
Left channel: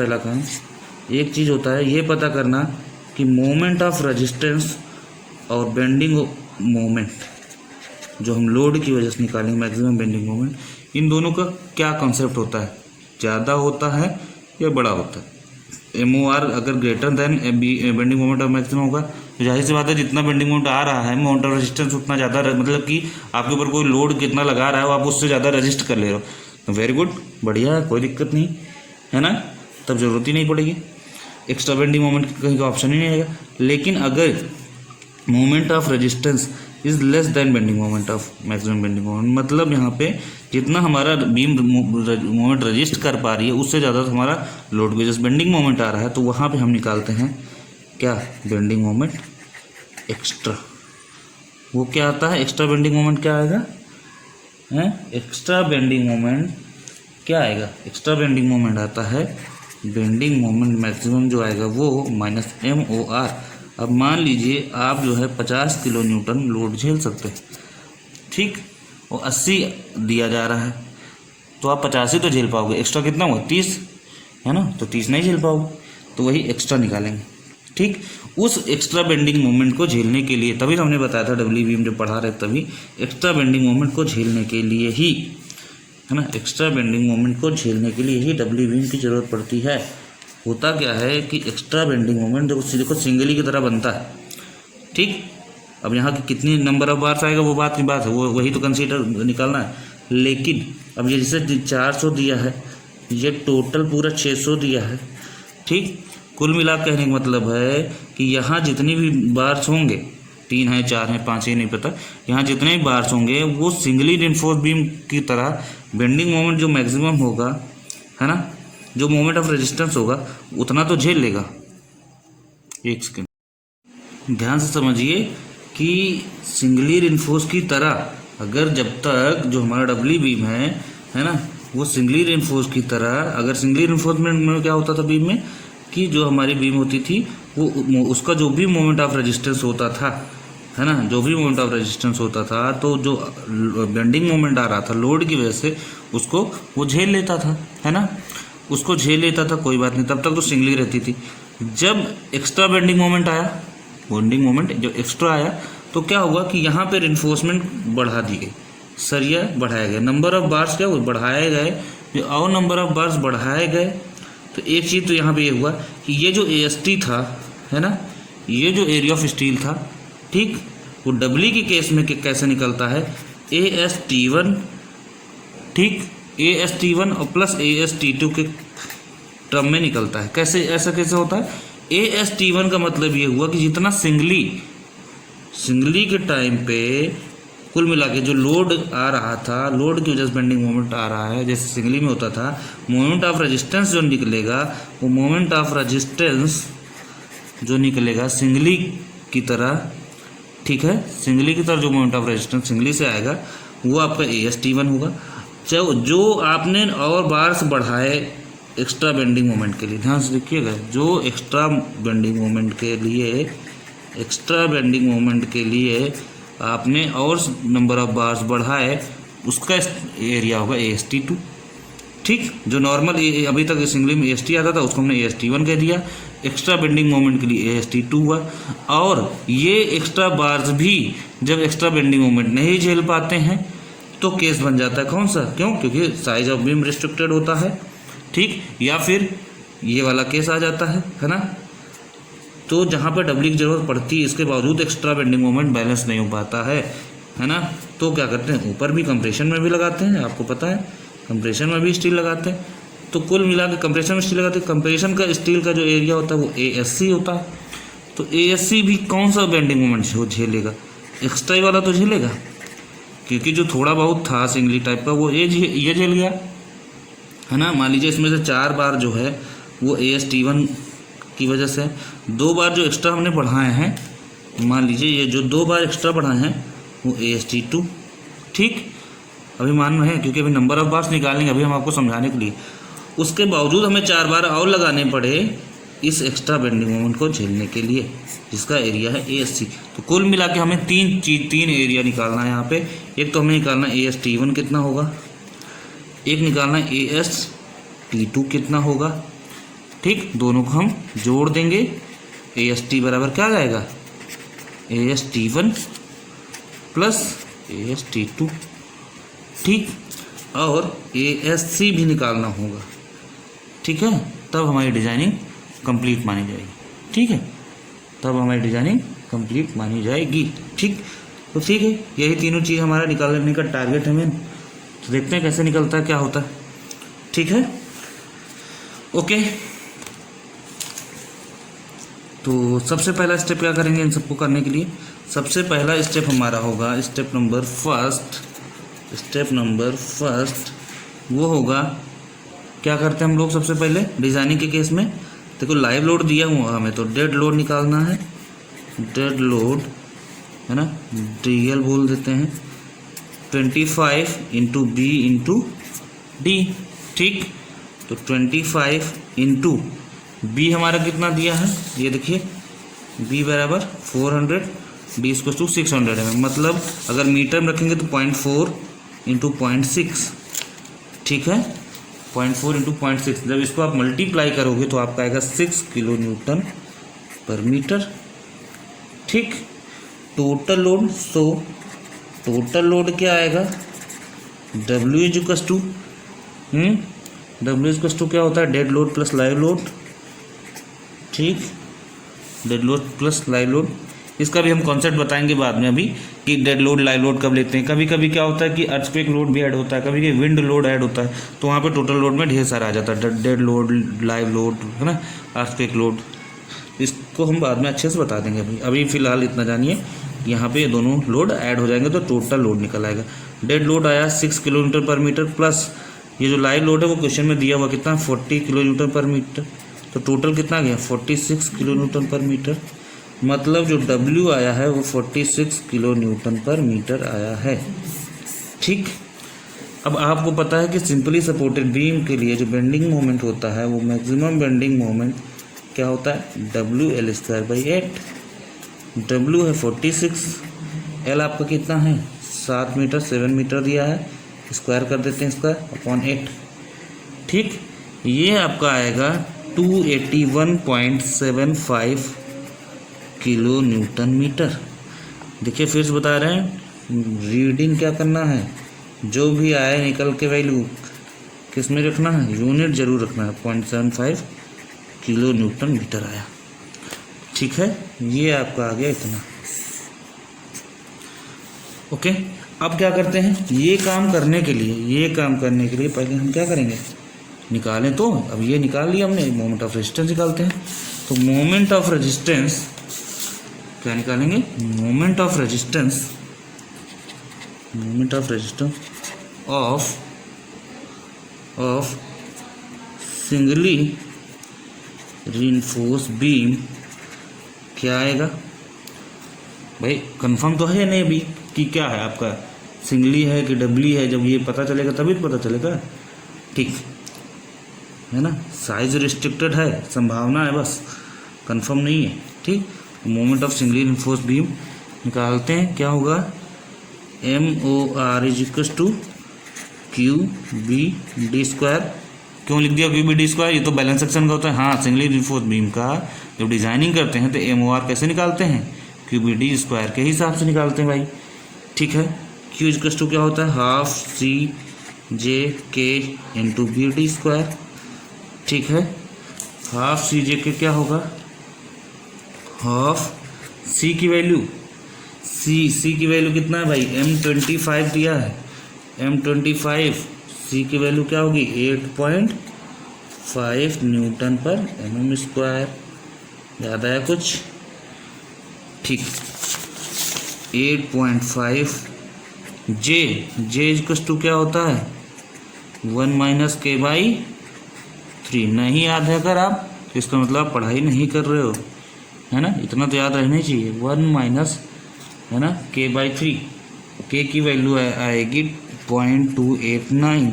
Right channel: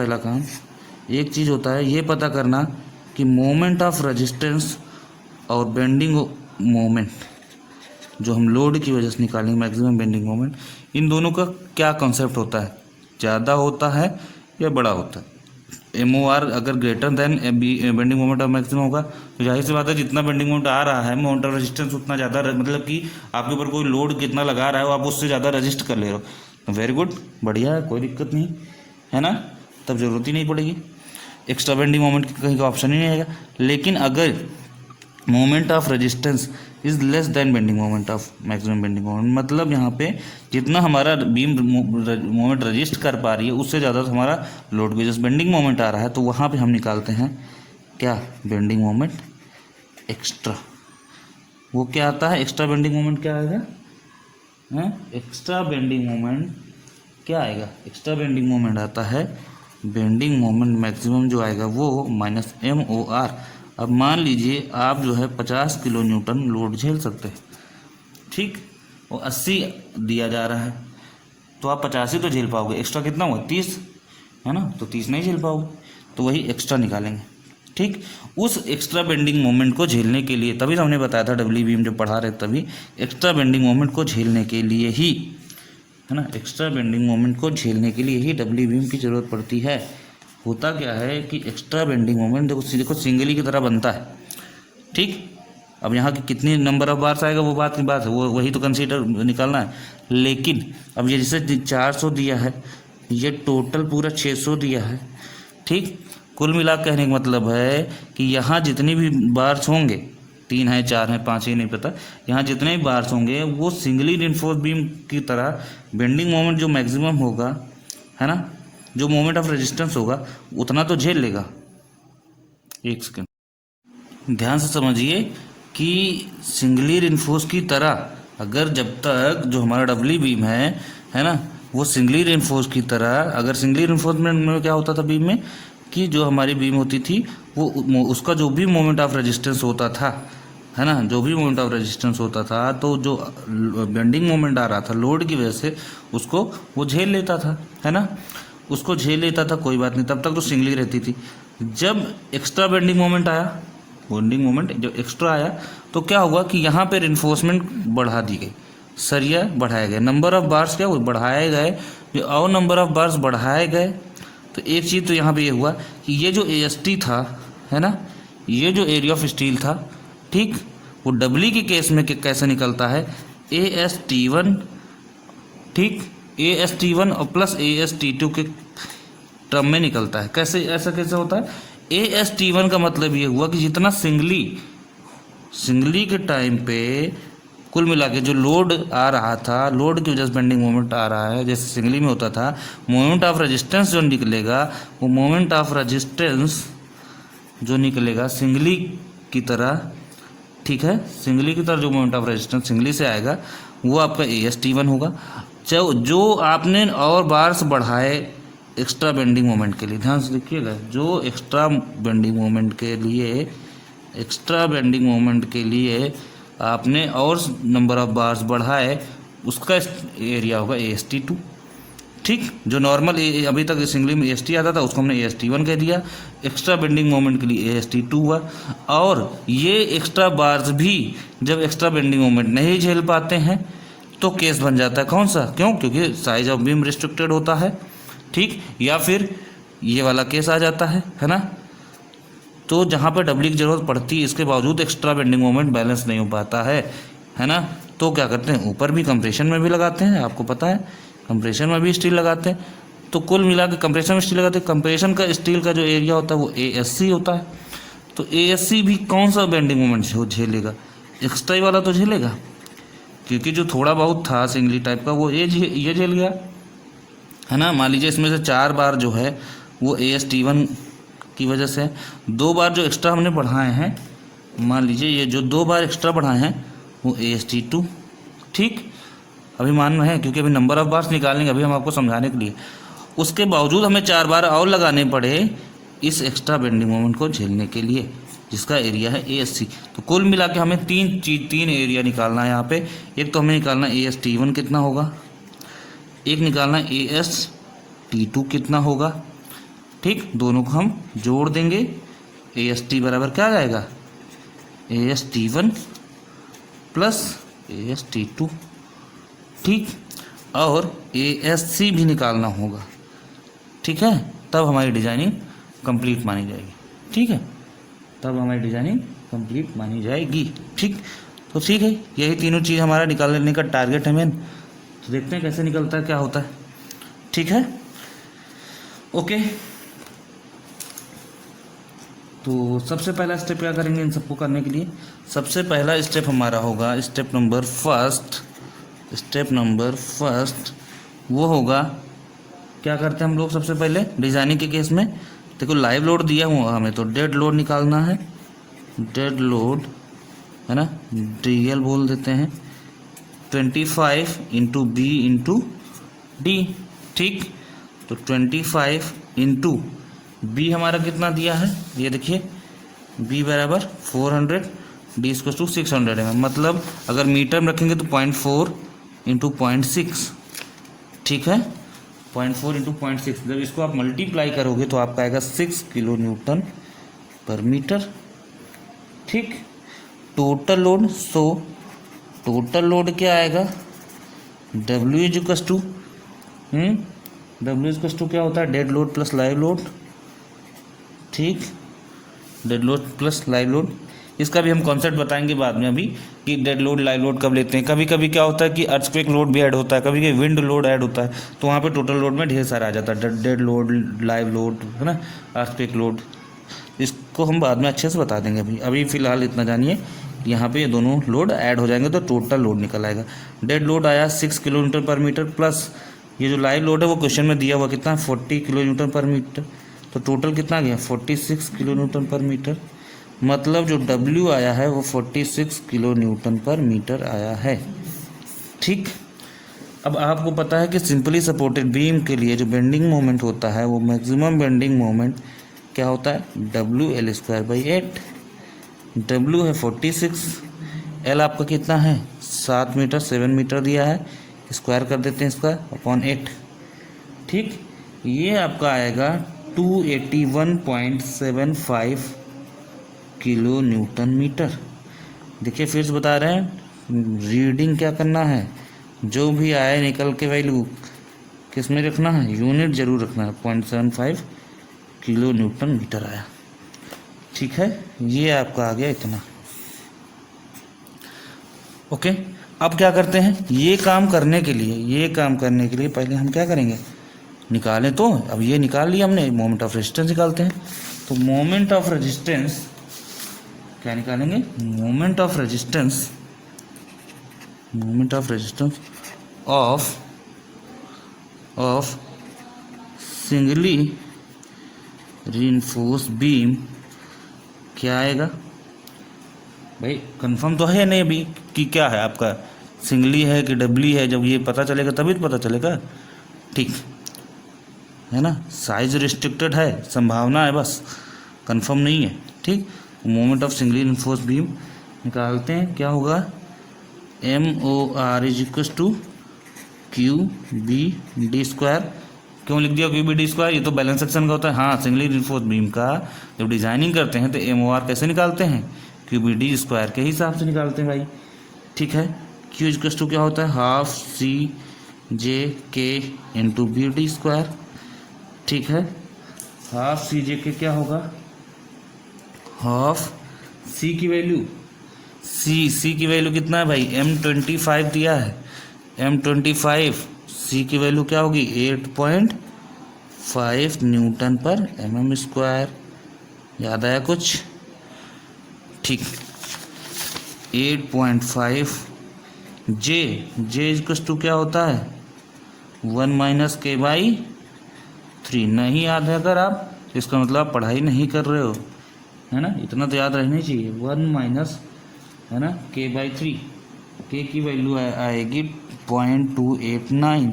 पहला काम एक चीज़ होता है ये पता करना कि मोमेंट ऑफ रेजिस्टेंस और बेंडिंग मोमेंट जो हम लोड की वजह से निकालेंगे, मैक्सिमम बेंडिंग मोमेंट, इन दोनों का क्या कॉन्सेप्ट होता है, ज़्यादा होता है या बड़ा होता है। एम ओ आर अगर greater than bending moment of maximum होगा तो जाहिर सी बात है जितना बेंडिंग मोमेंट आ रहा है मोमेंट ऑफ रेजिस्टेंस उतना ज़्यादा, मतलब कि आपके ऊपर कोई लोड कितना लगा रहा है वो आप उससे ज़्यादा रजिस्ट कर ले रहे हो। तो वेरी गुड, बढ़िया है, कोई दिक्कत नहीं है ना, तब ज़रूरत ही नहीं पड़ेगी, एक्स्ट्रा बेंडिंग मोमेंट कहीं का ऑप्शन ही नहीं आएगा। लेकिन अगर moment of resistance is less than bending moment of maximum bending moment, मतलब यहाँ पे जितना हमारा बीम मोमेंट रजिस्ट कर पा रही है उससे ज़्यादा तो हमारा लोड बेसिस बेंडिंग मोमेंट आ रहा है, तो वहाँ पे हम निकालते हैं क्या, बेंडिंग मोमेंट एक्स्ट्रा। वो क्या आता है, एक्स्ट्रा बेंडिंग मोमेंट क्या आएगा, एक्स्ट्रा बेंडिंग मोमेंट क्या आएगा, एक्स्ट्रा बेंडिंग मोमेंट आता है बेंडिंग मोमेंट मैक्सिमम जो आएगा वो माइनस MOR। अब मान लीजिए आप जो है 50 किलो न्यूटन लोड झेल सकते हैं, ठीक, वो 80 दिया जा रहा है तो आप 50 ही तो झेल पाओगे, एक्स्ट्रा कितना हुआ 30 है ना, तो 30 नहीं झेल पाओगे, तो वही एक्स्ट्रा निकालेंगे, ठीक। उस एक्स्ट्रा बेंडिंग मोमेंट को झेलने के लिए, तभी तो हमने बताया था डब्ल्यू बीम जब पढ़ा रहे तभी, एक्स्ट्रा बेंडिंग मोमेंट को झेलने के लिए ही, है ना, एक्स्ट्रा बेंडिंग मोमेंट को झेलने के लिए ही डब्ल्यू बीम की ज़रूरत पड़ती है। होता क्या है कि एक्स्ट्रा बेंडिंग मोमेंट देखो सिंगली की तरह बनता है, ठीक। अब यहाँ की कितनी नंबर ऑफ बार्स आएगा वो बात की बात है, वो वही तो कंसीडर निकालना है। लेकिन अब ये जैसे 400 दिया है, ये टोटल पूरा 600 दिया है, ठीक। कुल मिला कहने का मतलब है कि यहाँ जितनी भी बार्स होंगे, 3 है 4 है 5 ही नहीं पता, यहाँ जितने भी बार्स होंगे वो सिंगली रिइंफोर्स्ड बीम की तरह बेंडिंग मोमेंट जो मैक्सिमम होगा, है ना, जो मोमेंट ऑफ रेजिस्टेंस होगा उतना तो झेल लेगा। एक सेकेंड ध्यान से समझिए कि सिंगली रिइंफोर्स की तरह, अगर जब तक जो हमारा डब्ल्यू बीम है ना, वो सिंगली रिइंफोर्स की तरह, अगर सिंगली रिइंफोर्समेंट में क्या होता था बीम में कि जो हमारी बीम होती थी वो उसका जो भी मोमेंट ऑफ रेजिस्टेंस होता था, है ना, जो भी मोमेंट ऑफ रेजिस्टेंस होता था, तो जो बेंडिंग मोमेंट आ रहा था लोड की वजह से उसको वो झेल लेता था, है ना, उसको झेल लेता था, कोई बात नहीं, तब तक तो सिंगली रहती थी। जब एक्स्ट्रा बेंडिंग मोमेंट आया, बेंडिंग मोमेंट जब एक्स्ट्रा आया तो क्या हुआ कि यहाँ पे रिइंफोर्समेंट बढ़ा दी गई, सरिया बढ़ाया गया, नंबर ऑफ बार्स क्या वो बढ़ाए गए, और नंबर ऑफ बार्स बढ़ाए गए। तो एक चीज़ तो यहाँ पे ये हुआ कि ये जो AST था, है ना, ये जो एरिया ऑफ स्टील था, ठीक, वो डब्ल्यू के केस में कैसे निकलता है, AST1, ठीक, AST1 और प्लस AST2 के टर्म में निकलता है। कैसे, ऐसा कैसे होता है, AST1 का मतलब ये हुआ कि जितना सिंगली के टाइम पे कुल मिला के जो लोड आ रहा था, लोड की वजह से बेंडिंग मोमेंट आ रहा है, जैसे सिंगली में होता था, मोमेंट ऑफ रेजिस्टेंस जो निकलेगा वो मोमेंट ऑफ रेजिस्टेंस जो निकलेगा सिंगली की तरह, ठीक है, सिंगली की तरह जो मोमेंट ऑफ रेजिस्टेंस सिंगली से आएगा वो आपका AST1 होगा। जो आपने और बार्स बढ़ाए एक्स्ट्रा बेंडिंग मोमेंट के लिए, ध्यान से देखिएगा, जो एक्स्ट्रा बेंडिंग मोमेंट के लिए आपने और नंबर ऑफ बार्स बढ़ाए उसका एरिया होगा AST2, ठीक। जो नॉर्मल अभी तक सिंगली में AST आता था उसको हमने AST1 कह दिया, एक्स्ट्रा बेंडिंग मोमेंट के लिए AST2 हुआ। और ये एक्स्ट्रा बार्स भी जब एक्स्ट्रा बेंडिंग मोमेंट नहीं झेल पाते हैं तो केस बन जाता है कौन सा, क्यों, क्योंकि साइज ऑफ बीम रिस्ट्रिक्टेड होता है, ठीक, या फिर ये वाला केस आ जाता है ना, तो जहाँ पर डब्ल्यू की ज़रूरत पड़ती है इसके बावजूद एक्स्ट्रा बेंडिंग मोमेंट बैलेंस नहीं हो पाता है ना, तो क्या करते हैं, ऊपर भी कंप्रेशन में भी लगाते हैं, आपको पता है कंप्रेशन में भी स्टील लगाते हैं। तो कुल मिला के कंप्रेशन में स्टील लगाते हैं, कंप्रेशन का स्टील का जो एरिया होता है वो ASC होता है। तो ASC भी कौन सा बेंडिंग मोमेंट झेलेगा, एक्स्ट्रा वाला तो झेलेगा, क्योंकि जो थोड़ा बहुत था सिंगली टाइप का वो ये झेल गया, है ना। मान लीजिए इसमें से 4 बार जो है वो AST1 की वजह से, 2 बार जो एक्स्ट्रा हमने बढ़ाए हैं, मान लीजिए ये जो 2 बार एक्स्ट्रा बढ़ाए हैं वो AST2, ठीक, अभी मान रहे हैं क्योंकि अभी नंबर ऑफ बार्स निकालेंगे अभी हम आपको समझाने के लिए। उसके बावजूद हमें 4 बार और लगाने पड़े इस एक्स्ट्रा बेंडिंग मोमेंट को झेलने के लिए, जिसका एरिया है ASC। तो कुल मिला के हमें 3 एरिया निकालना है यहाँ पे। एक तो हमें निकालना AST1 कितना होगा, एक निकालना AST2 कितना होगा, ठीक, दोनों को हम जोड़ देंगे, AST बराबर क्या आ जाएगा, AST1 प्लस AST2, ठीक, और ASC भी निकालना होगा, ठीक है, तब हमारी डिजाइनिंग कंप्लीट मानी जाएगी। ठीक है, तब हमारी डिजाइनिंग कंप्लीट मानी जाएगी। ठीक, तो ठीक है, यही तीनों चीज़ हमारा निकालने का टारगेट है मेन। तो देखते हैं कैसे निकलता है, क्या होता है। ठीक है, ओके। तो सबसे पहला स्टेप क्या करेंगे इन सबको करने के लिए? सबसे पहला स्टेप हमारा होगा स्टेप नंबर फर्स्ट वो होगा, क्या करते हैं हम लोग सबसे पहले डिजाइनिंग के केस में? देखो लाइव लोड दिया हुआ हमें, तो डेड लोड निकालना है। डेड लोड है ना, DL बोल देते हैं, 25 इंटू बी इंटू डी। ठीक, तो 25 इंटू बी हमारा कितना दिया है, ये देखिए, बी बराबर 400, डी इसको 600 है। मतलब अगर मीटर में रखेंगे तो 0.4 इंटू 0.6। ठीक है, 0.4 इंटू 0.6, जब इसको आप मल्टीप्लाई करोगे तो आपका आएगा 6 किलो न्यूटन पर मीटर। ठीक, total load, so total load क्या आएगा, W इज टू क्या होता है, dead load plus live load. ठीक, dead load plus live load, इसका भी हम कॉन्सेप्ट बताएंगे बाद में अभी कि डेड लोड लाइव लोड कब लेते हैं। कभी कभी क्या होता है कि अर्थक्वेक लोड भी ऐड होता है, कभी कभी विंड लोड ऐड होता है, तो वहाँ पे टोटल लोड में ढेर सारा आ जाता है, डेड लोड, लाइव लोड, है ना, अर्थक्वेक लोड। इसको हम बाद में अच्छे से बता देंगे। अभी फ़िलहाल इतना जानिए, यहाँ पे ये दोनों लोड ऐड हो जाएंगे तो टोटल लोड निकल आएगा। डेड लोड आया 6 किलोमीटर पर मीटर, प्लस ये जो लाइव लोड है वो क्वेश्चन में दिया हुआ कितना, 40 किलो न्यूटन पर मीटर। तो टोटल कितना गया, 46 किलो न्यूटन पर मीटर। मतलब जो W आया है वो 46 किलो न्यूटन पर मीटर आया है। ठीक, अब आपको पता है कि सिंपली सपोर्टेड बीम के लिए जो बेंडिंग मोमेंट होता है वो मैक्सिमम बेंडिंग मोमेंट क्या होता है, WL²/8। W है 46, L आपका कितना है 7 मीटर, 7 मीटर दिया है, स्क्वायर कर देते हैं इसका अपॉन 8। ठीक, ये आपका आएगा 281.75 किलो न्यूटन मीटर। देखिए फिर से बता रहे हैं, रीडिंग क्या करना है, जो भी आए निकल के वैल्यू किस में रखना है, यूनिट जरूर रखना है, 0.75 किलो न्यूटन मीटर आया। ठीक है, ये आपका आ गया इतना। ओके, अब क्या करते हैं, ये काम करने के लिए पहले हम क्या करेंगे, निकालें। तो अब ये निकाल लिया हमने, मोमेंट ऑफ रेजिस्टेंस निकालते हैं। तो मोमेंट ऑफ रेजिस्टेंस क्या निकालेंगे, moment of resistance of singly reinforced beam क्या आएगा भाई, कंफर्म तो है या नहीं अभी कि क्या है आपका, सिंगली है कि डबली है, जब ये पता चलेगा तभी तो पता चलेगा। ठीक है ना, साइज रिस्ट्रिक्टेड है, संभावना है बस, कंफर्म नहीं है। ठीक, moment of singly reinforced beam निकालते हैं, क्या होगा, MOR = QBD²। क्यों लिख दिया QBD², ये तो बैलेंस सेक्शन का होता है। हाँ, सिंगली रीइंफोर्स्ड बीम का जब डिजाइनिंग करते हैं तो MOR कैसे निकालते हैं, QBD² के हिसाब से निकालते हैं भाई। ठीक है, Q = क्या होता है, ½ CJK × BD²। ठीक है, ½ CJK क्या होगा, ½ C की वैल्यू, C की वैल्यू कितना है भाई, M25 दिया है, M25, C की वैल्यू क्या होगी, 8.5 न्यूटन पर mm²। याद आया कुछ? ठीक, 8.5। J = क्या होता है, 1 - K/3। नहीं याद है अगर आप, इसका मतलब पढ़ाई नहीं कर रहे हो, है ना, इतना तो याद रहना चाहिए। 1 है ना K/3, K की वैल्यू आएगी 0.289।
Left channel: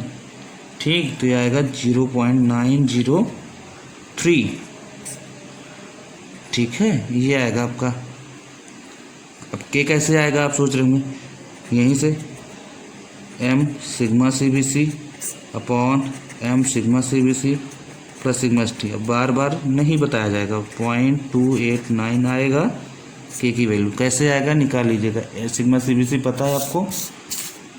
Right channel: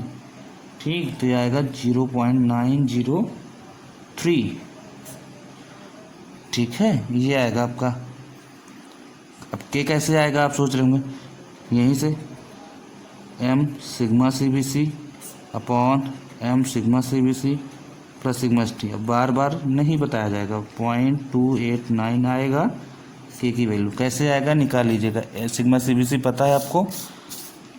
ठीक, तो ये आएगा 0.903। ठीक है, ये आएगा आपका। अब K कैसे आएगा आप सोच रहे होंगे, यहीं से m∑CBC upon m∑CBC plus σ_t। अब बार बार नहीं बताया जाएगा, 0.289 आएगा K की वैल्यू। कैसे आएगा निकाल लीजिएगा, σ_CBC पता है आपको।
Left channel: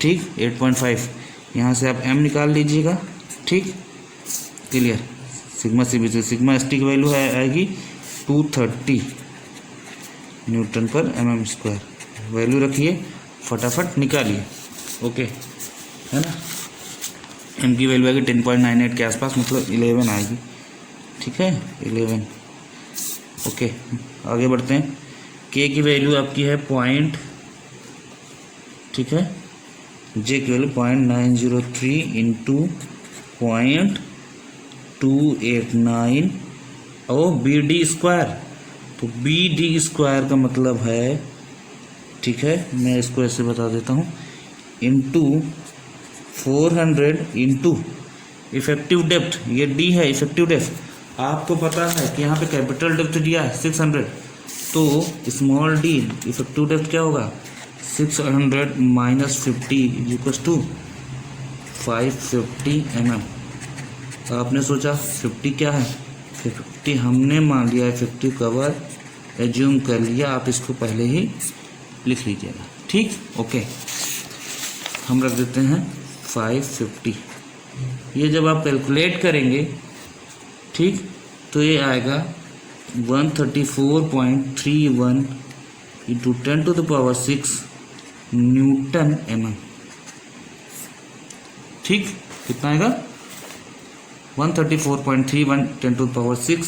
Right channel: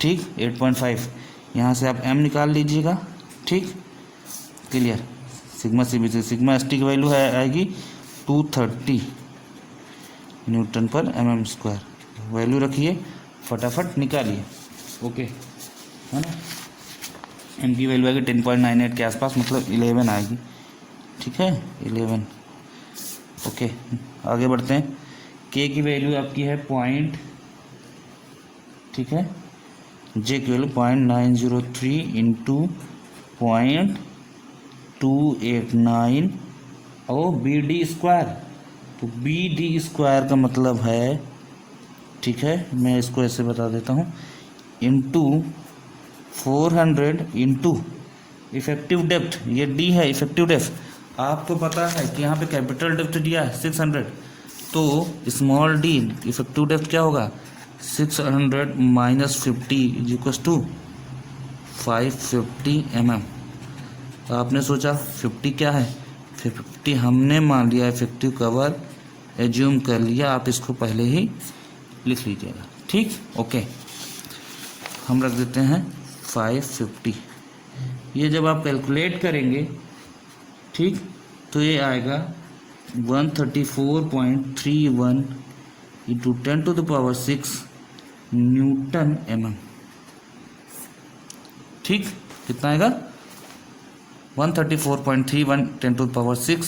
ठीक, 8.5, यहाँ से आप m निकाल लीजिएगा। ठीक, क्लियर, सिग्मा सी बी से सिग्मा एस टी की वैल्यू आएगी 230 newton per mm square. Value रखिए, फटाफट निकालिए। ओके, है ना। एम की वैल्यू आएगी 10.98 के आसपास, मतलब 11 आएगी। ठीक है, 11। ओके, आगे बढ़ते हैं। के की वैल्यू आपकी है पॉइंट, ठीक है। जे की वैल्यू 0.903 इंटू 0.289 और बी डी स्क्वायर। तो बी डी स्क्वायर का मतलब है, ठीक है, मैं इसको ऐसे बता देता हूँ, इंटू 400 इंटू इफेक्टिव डेप्थ, ये डी है इफेक्टिव डेप्थ। आपको पता है कि यहाँ पे कैपिटल डेप्थ दिया है 600, तो स्मॉल डी इफेक्टिव डेप्थ क्या होगा, 600 माइनस 50 इक्वल्स टू 550 mm। तो आपने सोचा 50 क्या है, 50 हमने मान लिया इफेक्टिव कवर, एज्यूम कर लिया, आप इसको पहले ही लिख लीजिएगा। ठीक, ओके, हम रख देते हैं 550। ये जब आप कैलकुलेट करेंगे, ठीक, तो ये आएगा 134.31 इंटू 10⁻6 न्यूटन mm। ठीक, कितना आएगा, 134.31 10⁻6,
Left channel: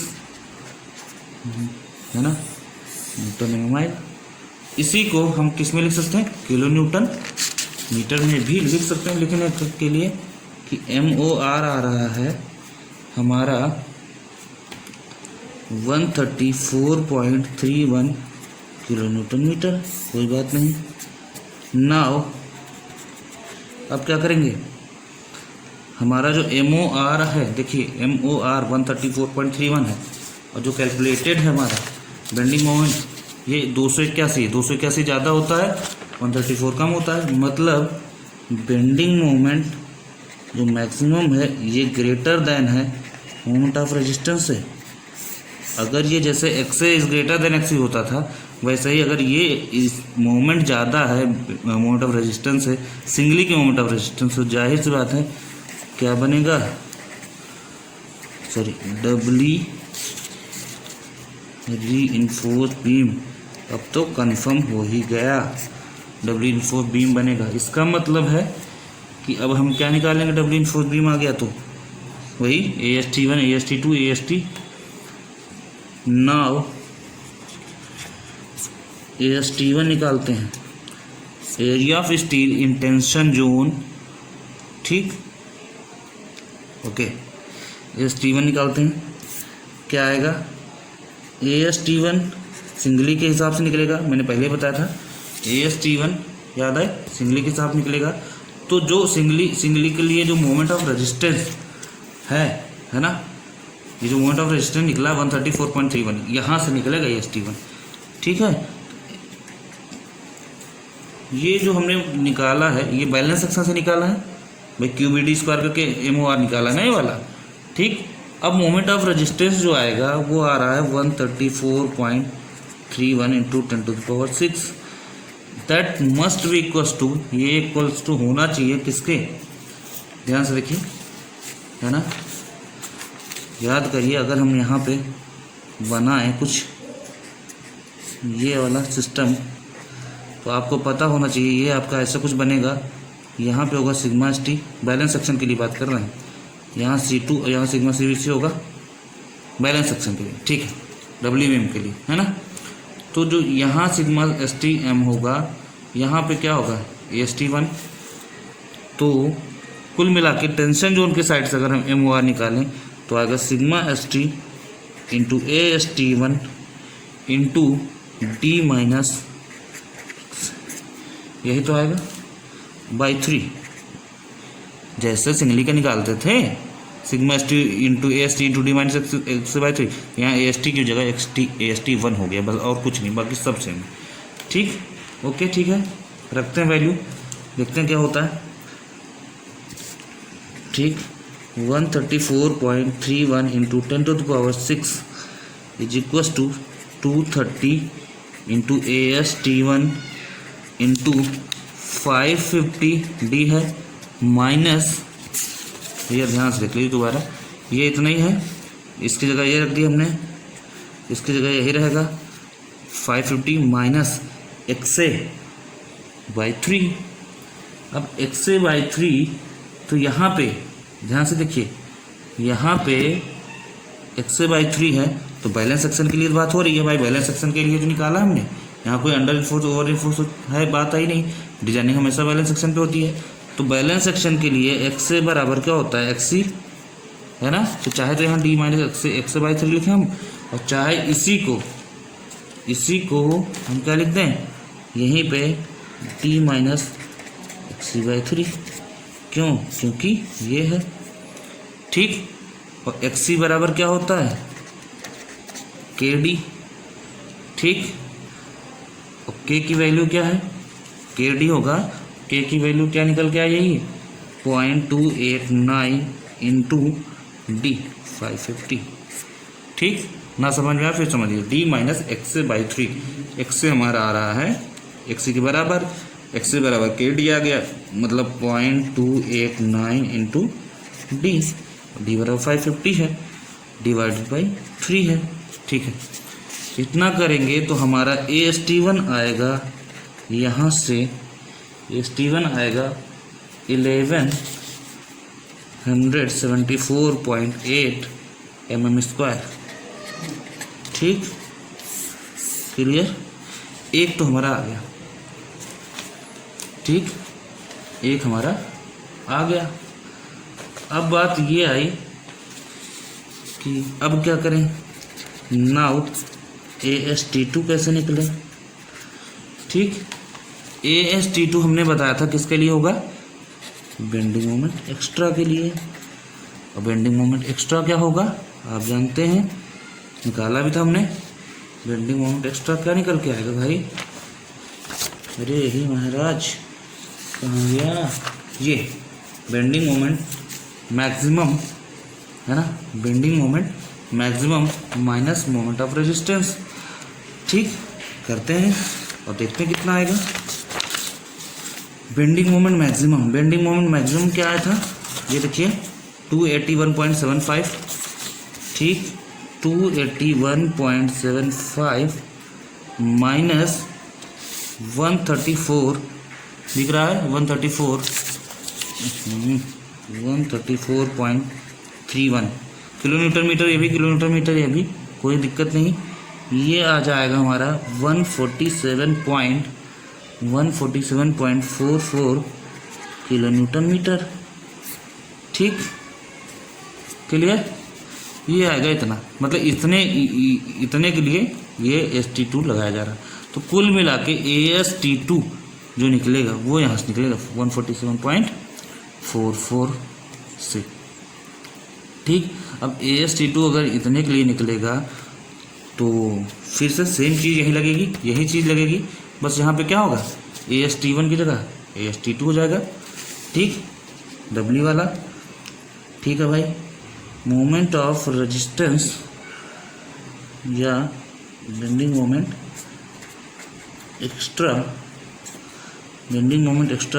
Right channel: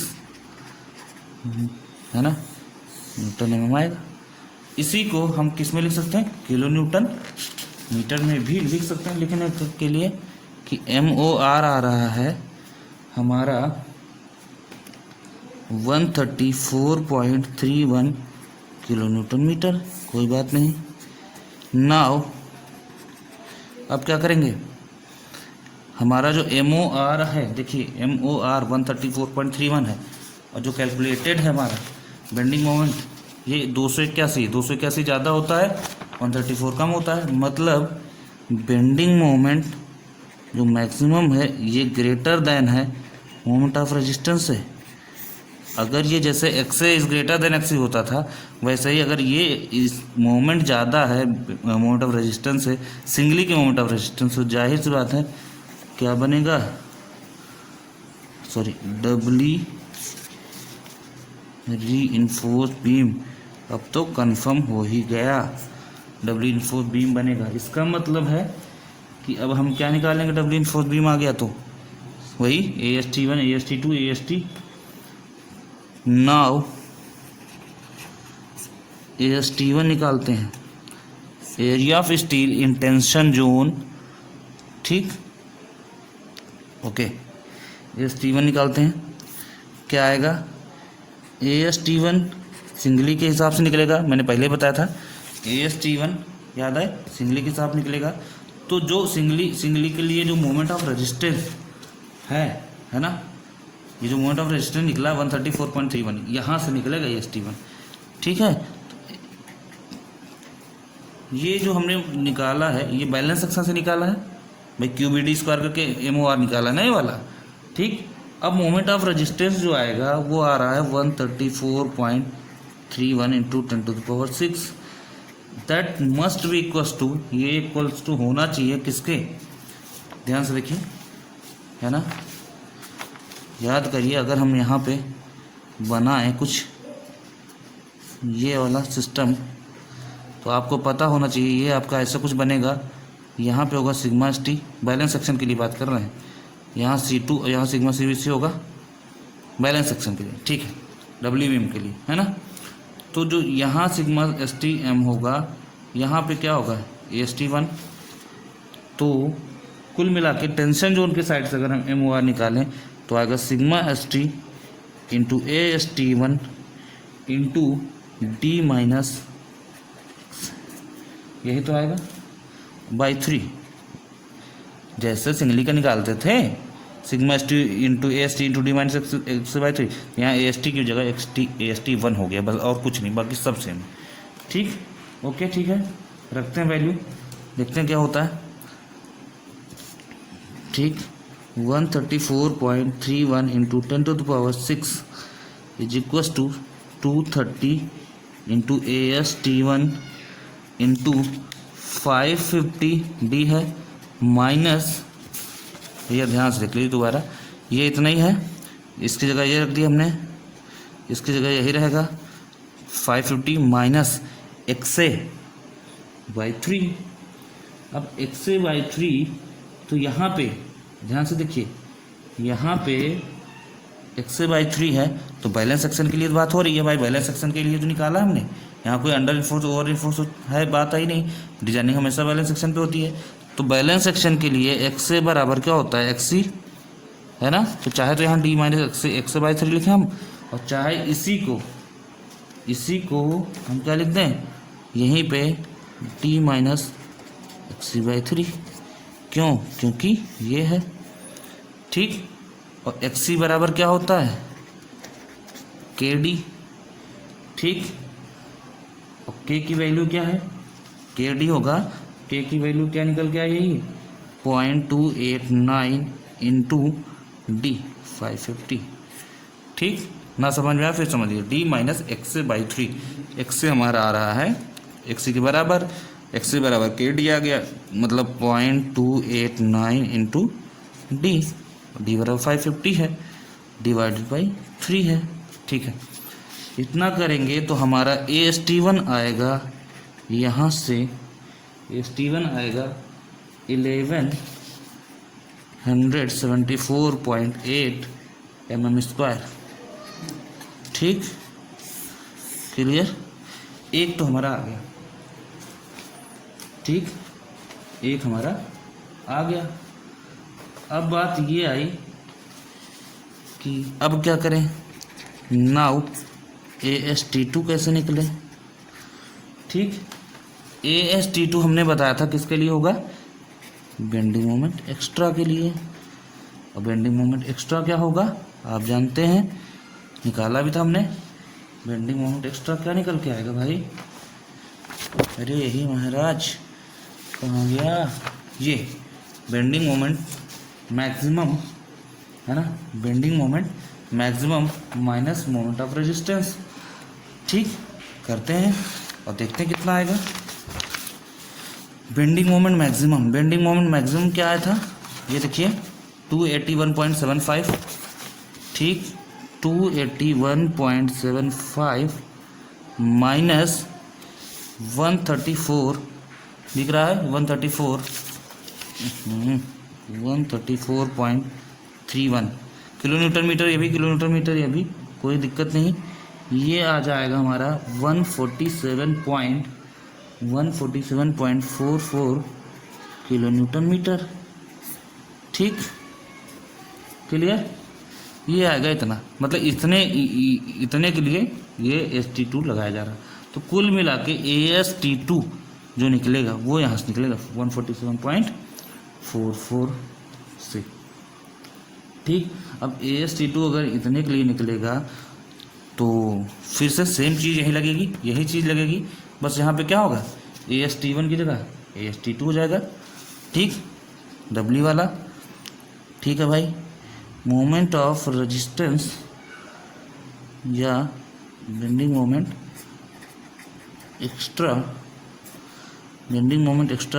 है ना, न्यूटन mm आएगा। इसी को हम किस में लिख सकते हैं, किलो न्यूटन मीटर में भी लिख सकते हैं, लेकिन के लिए कि MOR आ रहा है हमारा 134.31 किलो न्यूटन मीटर। कोई बात नहीं। नाउ अब क्या करेंगे, हमारा जो MOR है, देखिए MOR 134.31 है, और जो कैलकुलेटेड है हमारा बेंडिंग मोमेंट ये 281 ज़्यादा होता है, 134 कम होता है, मतलब बेंडिंग मोमेंट जो मैक्सिमम है ये ग्रेटर देन है मोमेंट ऑफ रेजिस्टेंस से। अगर ये जैसे x is greater than x होता था, वैसे ही अगर ये इस मोमेंट ज़्यादा है मोमेंट ऑफ रेजिस्टेंस है, सिंगली के मोमेंट ऑफ रेजिस्टेंस, तो जाहिर सी बात है क्या बनेगा, सॉरी, डबली रीइंफोर्स बीम। अब तो कंफर्म हो ही गया, डबली रीइंफोर्स बीम बनेगा। इसका मतलब है कि अब हम क्या निकालेंगे, डबली रीइंफोर्स बीम आ गया तो वही AST1 AST2 AST। Now AST1 निकालते हैं, area of steel in tension zone. ठीक, ओके, AST1 निकालते हैं, क्या आएगा, AST1 सिंगली के हिसाब से निकलेगा, मैंने पहले बताया था AST1 याद है सिंगली के हिसाब निकलेगा। तो जो सिंगली के लिए जो मोमेंट ऑफ रेजिस्टेंस है ना, ये जो मोमेंट ऑफ रेजिस्टेंस निकला 134.31, यहाँ से निकलेगा AST1। ठीक है, ये जो हमने निकाला है ये बैलेंस सेक्शन से निकाला है भाई, QBD स्क्वायर करके MOR निकाला ना ये वाला। ठीक, अब मोमेंट ऑफ रेजिस्टेंस जो आएगा वो आ रहा है 134.31 into 10⁻6। That must be equals to, ये इक्वल्स टू होना चाहिए किसके, ध्यान से देखिए, है ना, याद करिए, अगर हम यहाँ पे बनाए कुछ ये वाला सिस्टम, तो आपको पता होना चाहिए ये आपका ऐसा कुछ बनेगा। यहाँ पे होगा सिग्मा ST, बैलेंस सेक्शन के लिए बात कर रहे हैं, यहाँ C2, यहाँ सिग्मा CBC होगा बैलेंस सेक्शन के लिए। ठीक है, डब्ल्यू बीम के लिए, है ना। तो जो यहाँ सिग्मा STM होगा, यहाँ पे क्या होगा AST1। तो कुल मिला के टेंशन जोन के साइड से अगर हम MOR निकालें तो आएगा sigma ST into AST1 into D minus, यही तो आएगा बाई 3, जैसे सिंगली का निकालते थे sigma ST into AST into D minus x by 3, यहाँ AST की जगह AST1 हो गया बस, और कुछ नहीं, बाकी सब सेम। ठीक, ओके, ठीक है, रखते हैं वैल्यू, देखते हैं क्या होता है। ठीक, 134.31 into 10⁻6 is equals to 230 into AST1 into 550 D है माइनस, भैया ध्यान से देख लीजिए दोबारा, ये इतना ही है इसकी जगह ये रख दी हमने, इसकी जगह यही रहेगा 550 माइनस XA/3। अब XA/3 तो यहाँ पे ध्यान से देखिए, यहाँ पे XA/3 है तो बैलेंस सेक्शन के लिए बात हो रही है भाई, बैलेंस सेक्शन के लिए तो निकाला हमने। यहाँ कोई अंडर इन्फोर्स ओवर इन्फोर्स है बात आई नहीं, डिजाइनिंग हमेशा बैलेंस सेक्शन पे होती है। तो बैलेंस सेक्शन के लिए XA बराबर क्या होता है, XC है ना। तो चाहे तो यहाँ D माइनस XA/3 लिखें हम, और चाहे इसी को हम क्या लिख दें यहीं पे D माइनस XC/3। क्यों? क्योंकि ये है, ठीक। और XC बराबर क्या होता है, KD, ठीक। और K की वैल्यू क्या है, KD होगा, K की वैल्यू क्या निकल के आ जाएगी 0.289 इंटू D 550, ठीक। ना समझ में आया फिर समझिए, D माइनस XA/3, XA हमारा आ रहा है XC के बराबर, XA बराबर KD आ गया, मतलब 0.289 इंटू D बराबर 550 है, डिवाइडेड बाई 3 है, ठीक है। इतना करेंगे तो हमारा AST1 आएगा, यहाँ से AST1 आएगा 1174.8 mm², ठीक। क्लियर, एक तो हमारा आ गया, ठीक, एक हमारा आ गया। अब बात ये आई कि अब क्या करें, नाउ AST2 कैसे निकले, ठीक। AST2 हमने बताया था किसके लिए होगा, बेंडिंग मोमेंट एक्स्ट्रा के लिए। और बेंडिंग मोमेंट एक्स्ट्रा क्या होगा आप जानते हैं, निकाला भी था हमने। बेंडिंग मोमेंट एक्स्ट्रा क्या निकल के आएगा भाई, अरे यही महाराज, कहाँ गया ये, बेंडिंग मोमेंट मैक्सिमम है ना, bending moment maximum minus moment of resistance, ठीक। करते हैं और देखते हैं कितना आएगा। बेंडिंग मोमेंट मैक्सिमम क्या आया था, ये देखिए 281.75, ठीक। 281.75 माइनस 134 दिख रहा है, 134.31 किलोमीटर मीटर, ये भी किलोमीटर मीटर, ये भी कोई दिक्कत नहीं। ये आ जाएगा हमारा 147.44 किलोन्यूटन मीटर, ठीक। क्लियर, ये आएगा इतना, मतलब इतने के लिए ये ST2 लगाया जा रहा है। तो कुल मिला के AST2 जो निकलेगा वो यहाँ से निकलेगा 147.44 से, ठीक। अब AST2 अगर इतने के लिए निकलेगा तो फिर से सेम चीज़ यही लगेगी, यही चीज़ लगेगी, बस यहाँ पे क्या होगा, AST1 की जगह AST2 हो जाएगा, ठीक। W वाला, ठीक है भाई। मोमेंट ऑफ रेजिस्टेंस या bending moment extra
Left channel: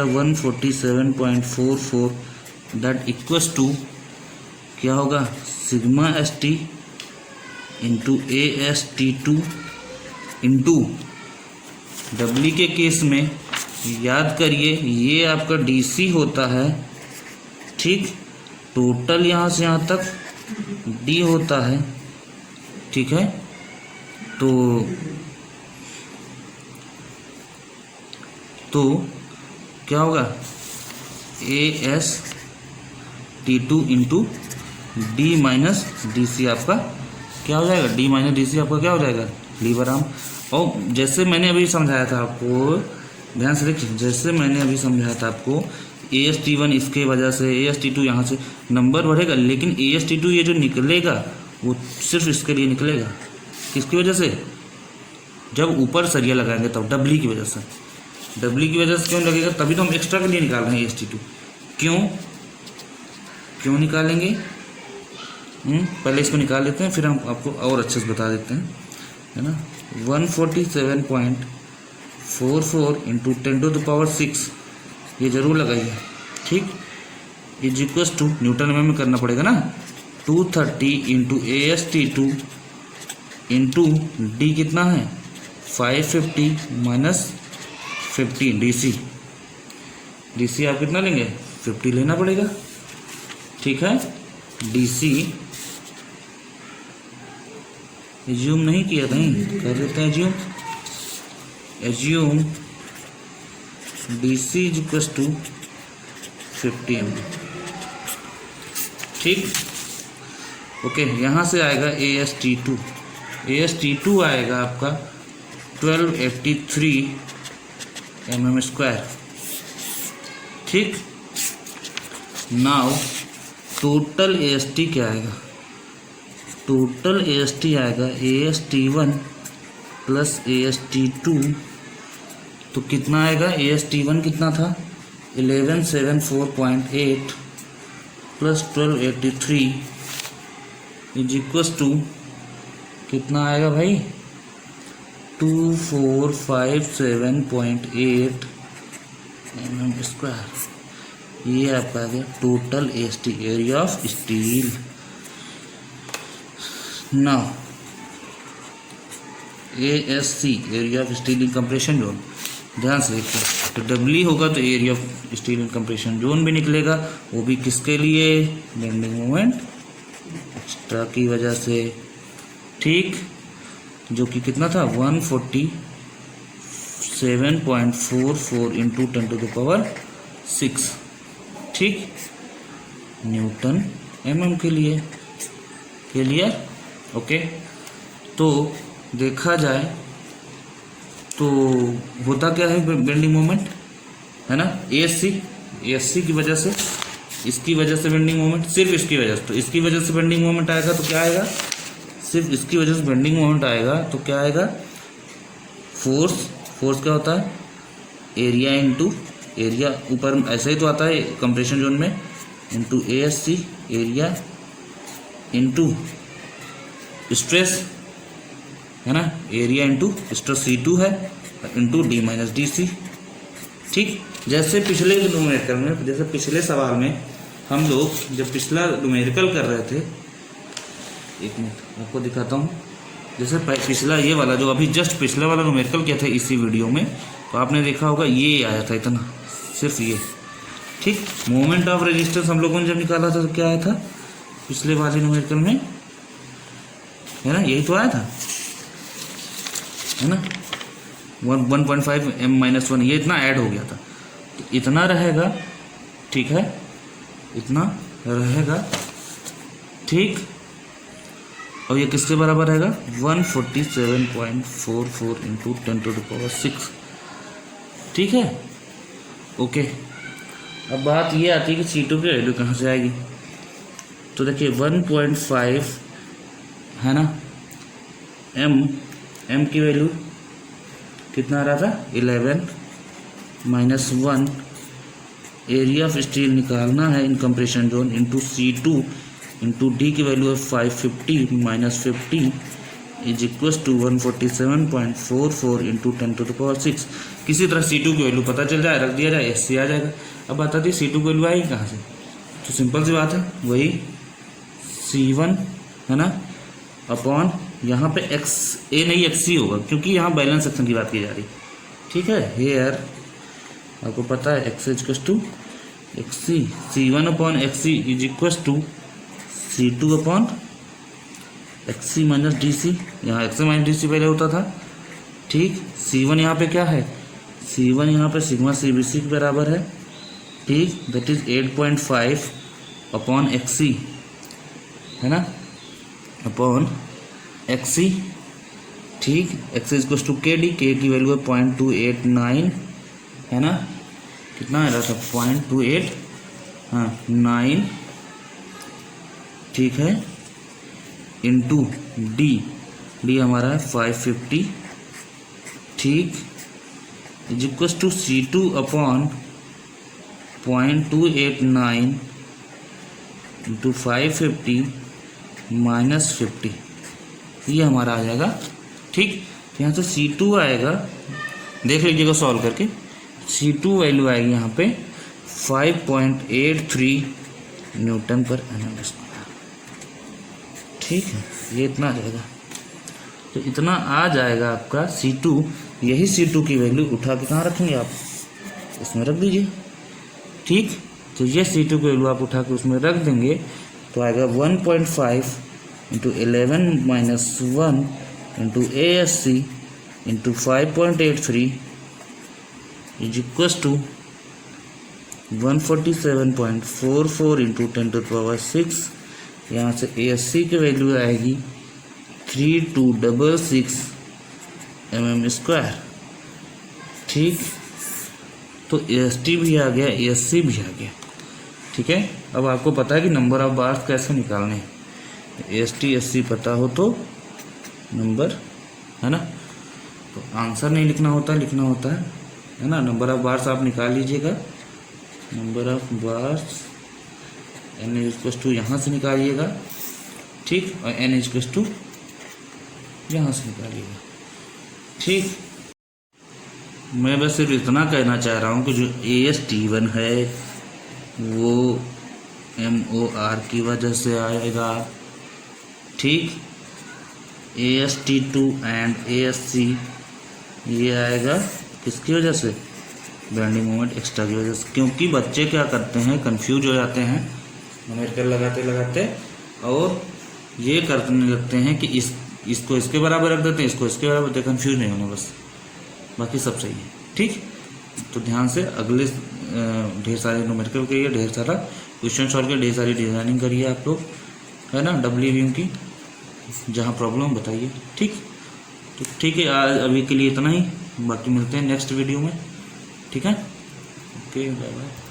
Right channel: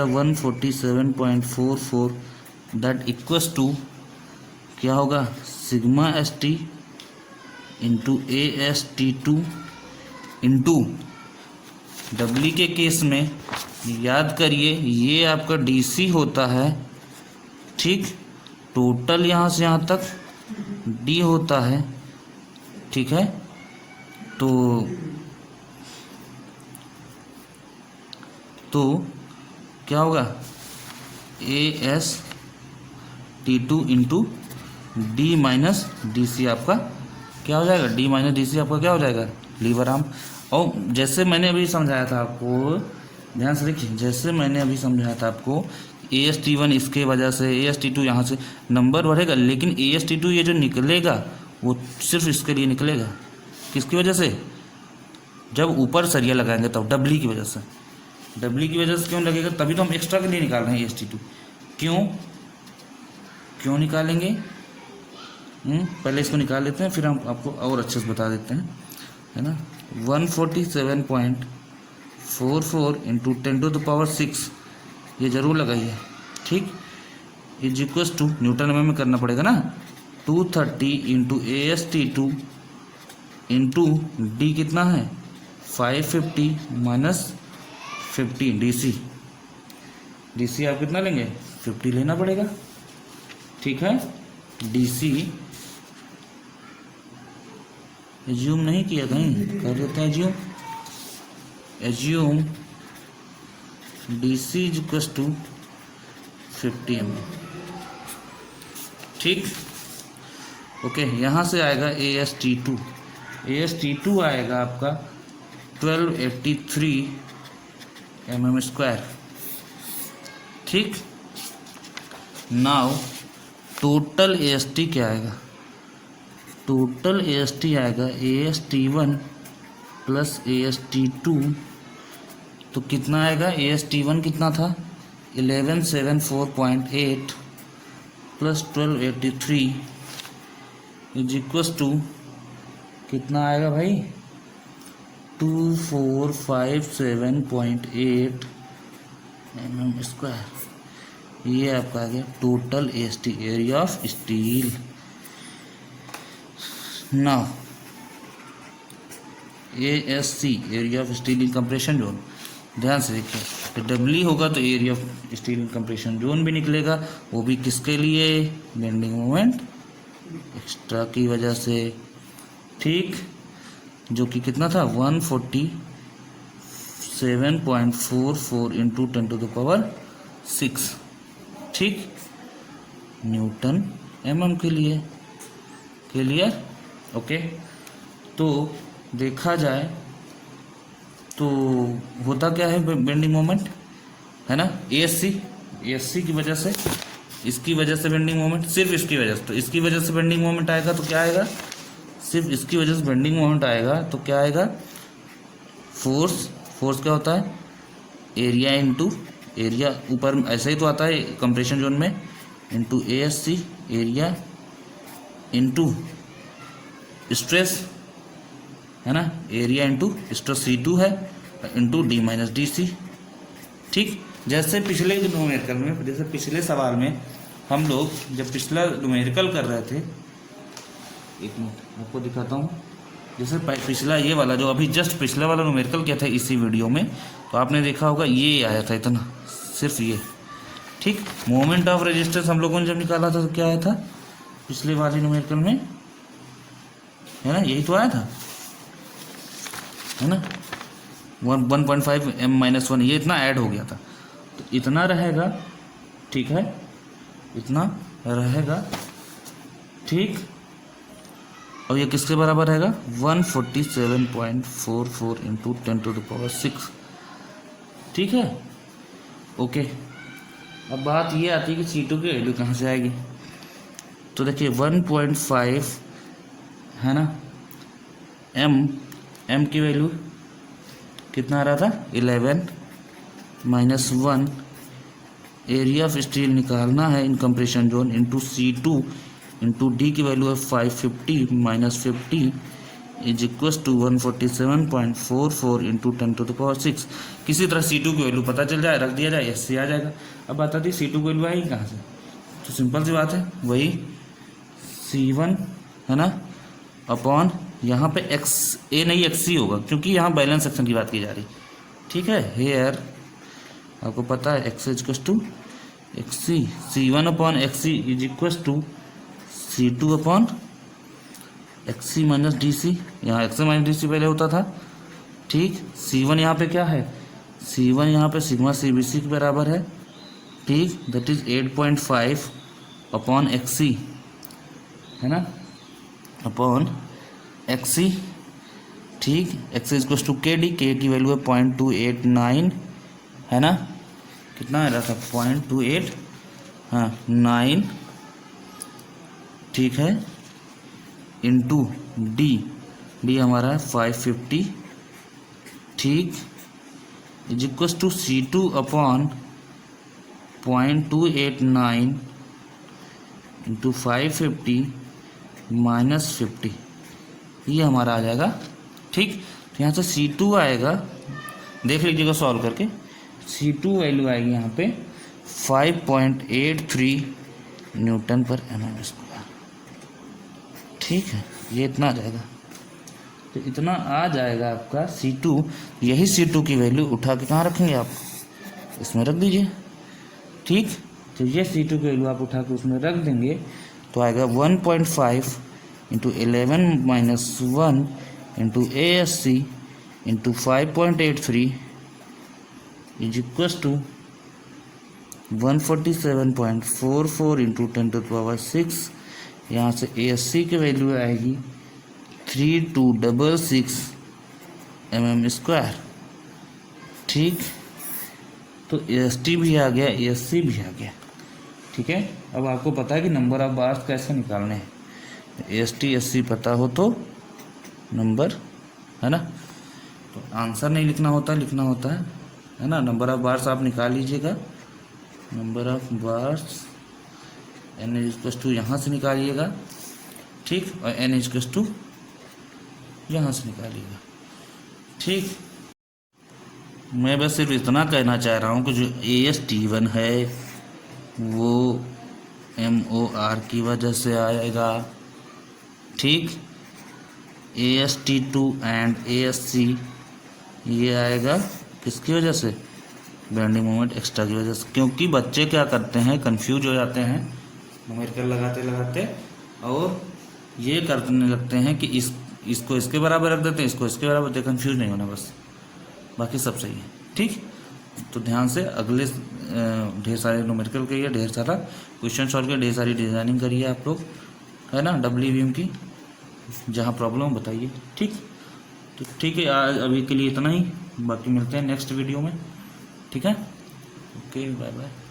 147.44, that equals to क्या होगा, sigma ST into AST2 into W के केस में याद करिए ये आपका DC होता है, ठीक। टोटल यहाँ से यहाँ तक D होता है, ठीक है। तो क्या होगा, AST2 into D minus DC आपका क्या हो जाएगा, D माइनस DC आपका क्या हो जाएगा, लीवर आर्म। और जैसे मैंने अभी समझाया था आपको, ध्यान से देखिए, जैसे मैंने अभी समझाया था आपको, AST1 इसके वजह से, AST2 यहाँ से नंबर बढ़ेगा, लेकिन AST2 ये जो निकलेगा वो सिर्फ इसके लिए निकलेगा, किसकी वजह से, जब ऊपर सरिया लगाएंगे तब W की वजह से। W की वजह से क्यों लगेगा, तभी तो हम एक्स्ट्रा के लिए निकाल रहे हैं AST2। क्यों निकालेंगे, पहले इसको निकाल लेते हैं, फिर हम आपको और अच्छे से बता देते हैं, है ना। 147.44 इंटू 10⁶, ये जरूर लगाइए, ठीक। इज इक्वल्स टू न्यूटन में करना पड़ेगा ना, 230 इंटू AST2 इंटू डी कितना है 550 माइनस 50 DC आप कितना लेंगे 50 लेना पड़ेगा। ठीक है, DC एज्यूम नहीं किया कहीं, कर लेते हैं assume DC is equal to 50 mm। ठीक, ओके। यहाँ से आएगा AST2 आएगा आपका 1283 mm²। ठीक, नाउ टोटल AST क्या आएगा, टोटल AST आएगा AST1 प्लस AST2, तो कितना आएगा, AST1 कितना था 1174.8 प्लस 1283 इज इक्वल टू कितना आएगा भाई 2457.8 mm²। ये आपका आ गया total AST, area of steel. Now ASC, area of steel in compression zone. ध्यान से देखिए, तो डब्ल्यू होगा तो area of steel in compression zone भी निकलेगा, वो भी किसके लिए, बेंडिंग मोमेंट एक्स्ट्रा की वजह से। ठीक, जो कि कितना था 147.44 इंटू 10⁻⁶। ठीक, न्यूटन mm के लिए। Clear, okay. तो देखा जाए तो होता क्या है बेंडिंग मोमेंट, है ना, ASC की वजह से, इसकी वजह से बेंडिंग मोमेंट, सिर्फ इसकी वजह से, तो इसकी वजह से बेंडिंग मोमेंट आएगा तो क्या आएगा, सिर्फ इसकी वजह से बेंडिंग मोमेंट आएगा तो क्या आएगा, फोर्स क्या होता है, एरिया इंटू एरिया, ऊपर ऐसा ही तो आता है कंप्रेशन जोन में, into ASC area into stress, है ना, एरिया इंटू स्ट्रेस C2 है इंटू D माइनस DC। ठीक, जैसे पिछले न्यूमेरिकल में, जैसे पिछले सवाल में हम लोग जब पिछला न्यूमेरिकल कर रहे थे, एक मिनट आपको दिखाता हूँ, जैसे पिछला ये वाला जो अभी जस्ट पिछले वाला न्यूमेरिकल किया था इसी वीडियो में, तो आपने देखा होगा ये आया था इतना, सिर्फ ये। ठीक, मोमेंट ऑफ रेजिस्टेंस हम लोगों ने जब निकाला था तो क्या आया था पिछले वाले न्यूमेरिकल में, है ना, यही तो आया था, है ना, 1.5 m-1, ये इतना ऐड हो गया था, तो इतना रहेगा। ठीक है, इतना रहेगा। ठीक, और ये किसके बराबर रहेगा 147.44 इंटू 10⁻⁶। ठीक है, ओके। अब बात ये आती है कि C2 की वैल्यू कहाँ से आएगी, तो देखिए 1.5 है ना, m की वैल्यू कितना आ रहा था 11 माइनस 1, एरिया ऑफ स्टील निकालना है in compression zone into C2 into D की वैल्यू है 550 minus 50 is equal to 147.44 into 10⁻⁶। किसी तरह C2 की वैल्यू पता चल जाए, रख दिया जाए, SC आ जाएगा। अब बता दी C2 की वैल्यू आएगी कहाँ से, तो सिंपल सी बात है, वही C1 है ना अपॉन यहाँ पे XA नहीं XC होगा, क्योंकि यहाँ बैलेंस सेक्शन की बात की जा रही। ठीक है, हेयर आपको पता है x equal to XC, C1 upon XC is equal to C2 upon XC minus DC, यहाँ XC माइनस DC पहले होता था। ठीक, C1 यहाँ पे क्या है, C1 यहाँ पे सिग्मा CBC के बराबर है। ठीक, दैट इज 8.5 अपॉन XC, है ना, अपॉन XC। ठीक, XC equal to KD, K की वैल्यू है 0.289, है ना, कितना आ रहा था 0.28 हाँ 9। ठीक है, इंटू डी हमारा है 550। ठीक, is equal to C2 upon 0.289 into 550 minus 50, ये हमारा आ जाएगा। ठीक, यहाँ से C2 आएगा, देख लीजिएगा सॉल्व करके, C2 वैल्यू आएगी यहाँ पे 5.83 न्यूटन पर mm²। ठीक है, ये इतना आ जाएगा। तो इतना आ जाएगा आपका C2। यही C2 की वैल्यू उठा के कहाँ रखेंगे आप, इसमें रख दीजिए। ठीक, तो ये C2 की वैल्यू आप उठा के उसमें रख देंगे तो आएगा 1.5 into 11-1 into ASC into 5.83 is equals to 147.44 into 10⁶। यहाँ से ASC की वैल्यू आएगी 3266 mm²। ठीक, तो AST भी आ गया, ASC भी आ गया। ठीक है, अब आपको पता है कि नंबर ऑफ बार्स कैसे निकालने हैं। AST ASC पता हो तो नंबर, है ना, तो आंसर नहीं लिखना होता, लिखना होता है ना। नंबर ऑफ बार्स आप निकाल लीजिएगा, number of bars n equals to यहाँ से निकालिएगा। ठीक, और n इक्वस टू यहाँ से निकालिएगा। ठीक, मैं बस सिर्फ इतना कहना चाह रहा हूँ कि जो AST1 है वो MOR की वजह से आएगा। ठीक, AST2 एंड ASC ये आएगा किसकी वजह से, बेंडिंग मोमेंट एक्स्ट्रा की वजह से। क्योंकि बच्चे क्या करते हैं, कंफ्यूज हो जाते हैं न्यूमेरिकल लगाते लगाते, और ये करने लगते हैं कि इसको इसके बराबर रख देते हैं, इसको इसके बराबर देते, कंफ्यूज नहीं होना बस, बाकी सब सही है। ठीक, तो ध्यान से अगले ढेर सारे न्यूमेरिकल करिए, ढेर सारा क्वेश्चन सॉल्व करिए, ढेर सारी डिजाइनिंग करिए आप लोग, है ना, WBM की जहाँ प्रॉब्लम बताइए। ठीक, तो ठीक है, आज अभी के लिए इतना ही, बाकी मिलते हैं नेक्स्ट वीडियो में। ठीक है, ओके, बाय बाय।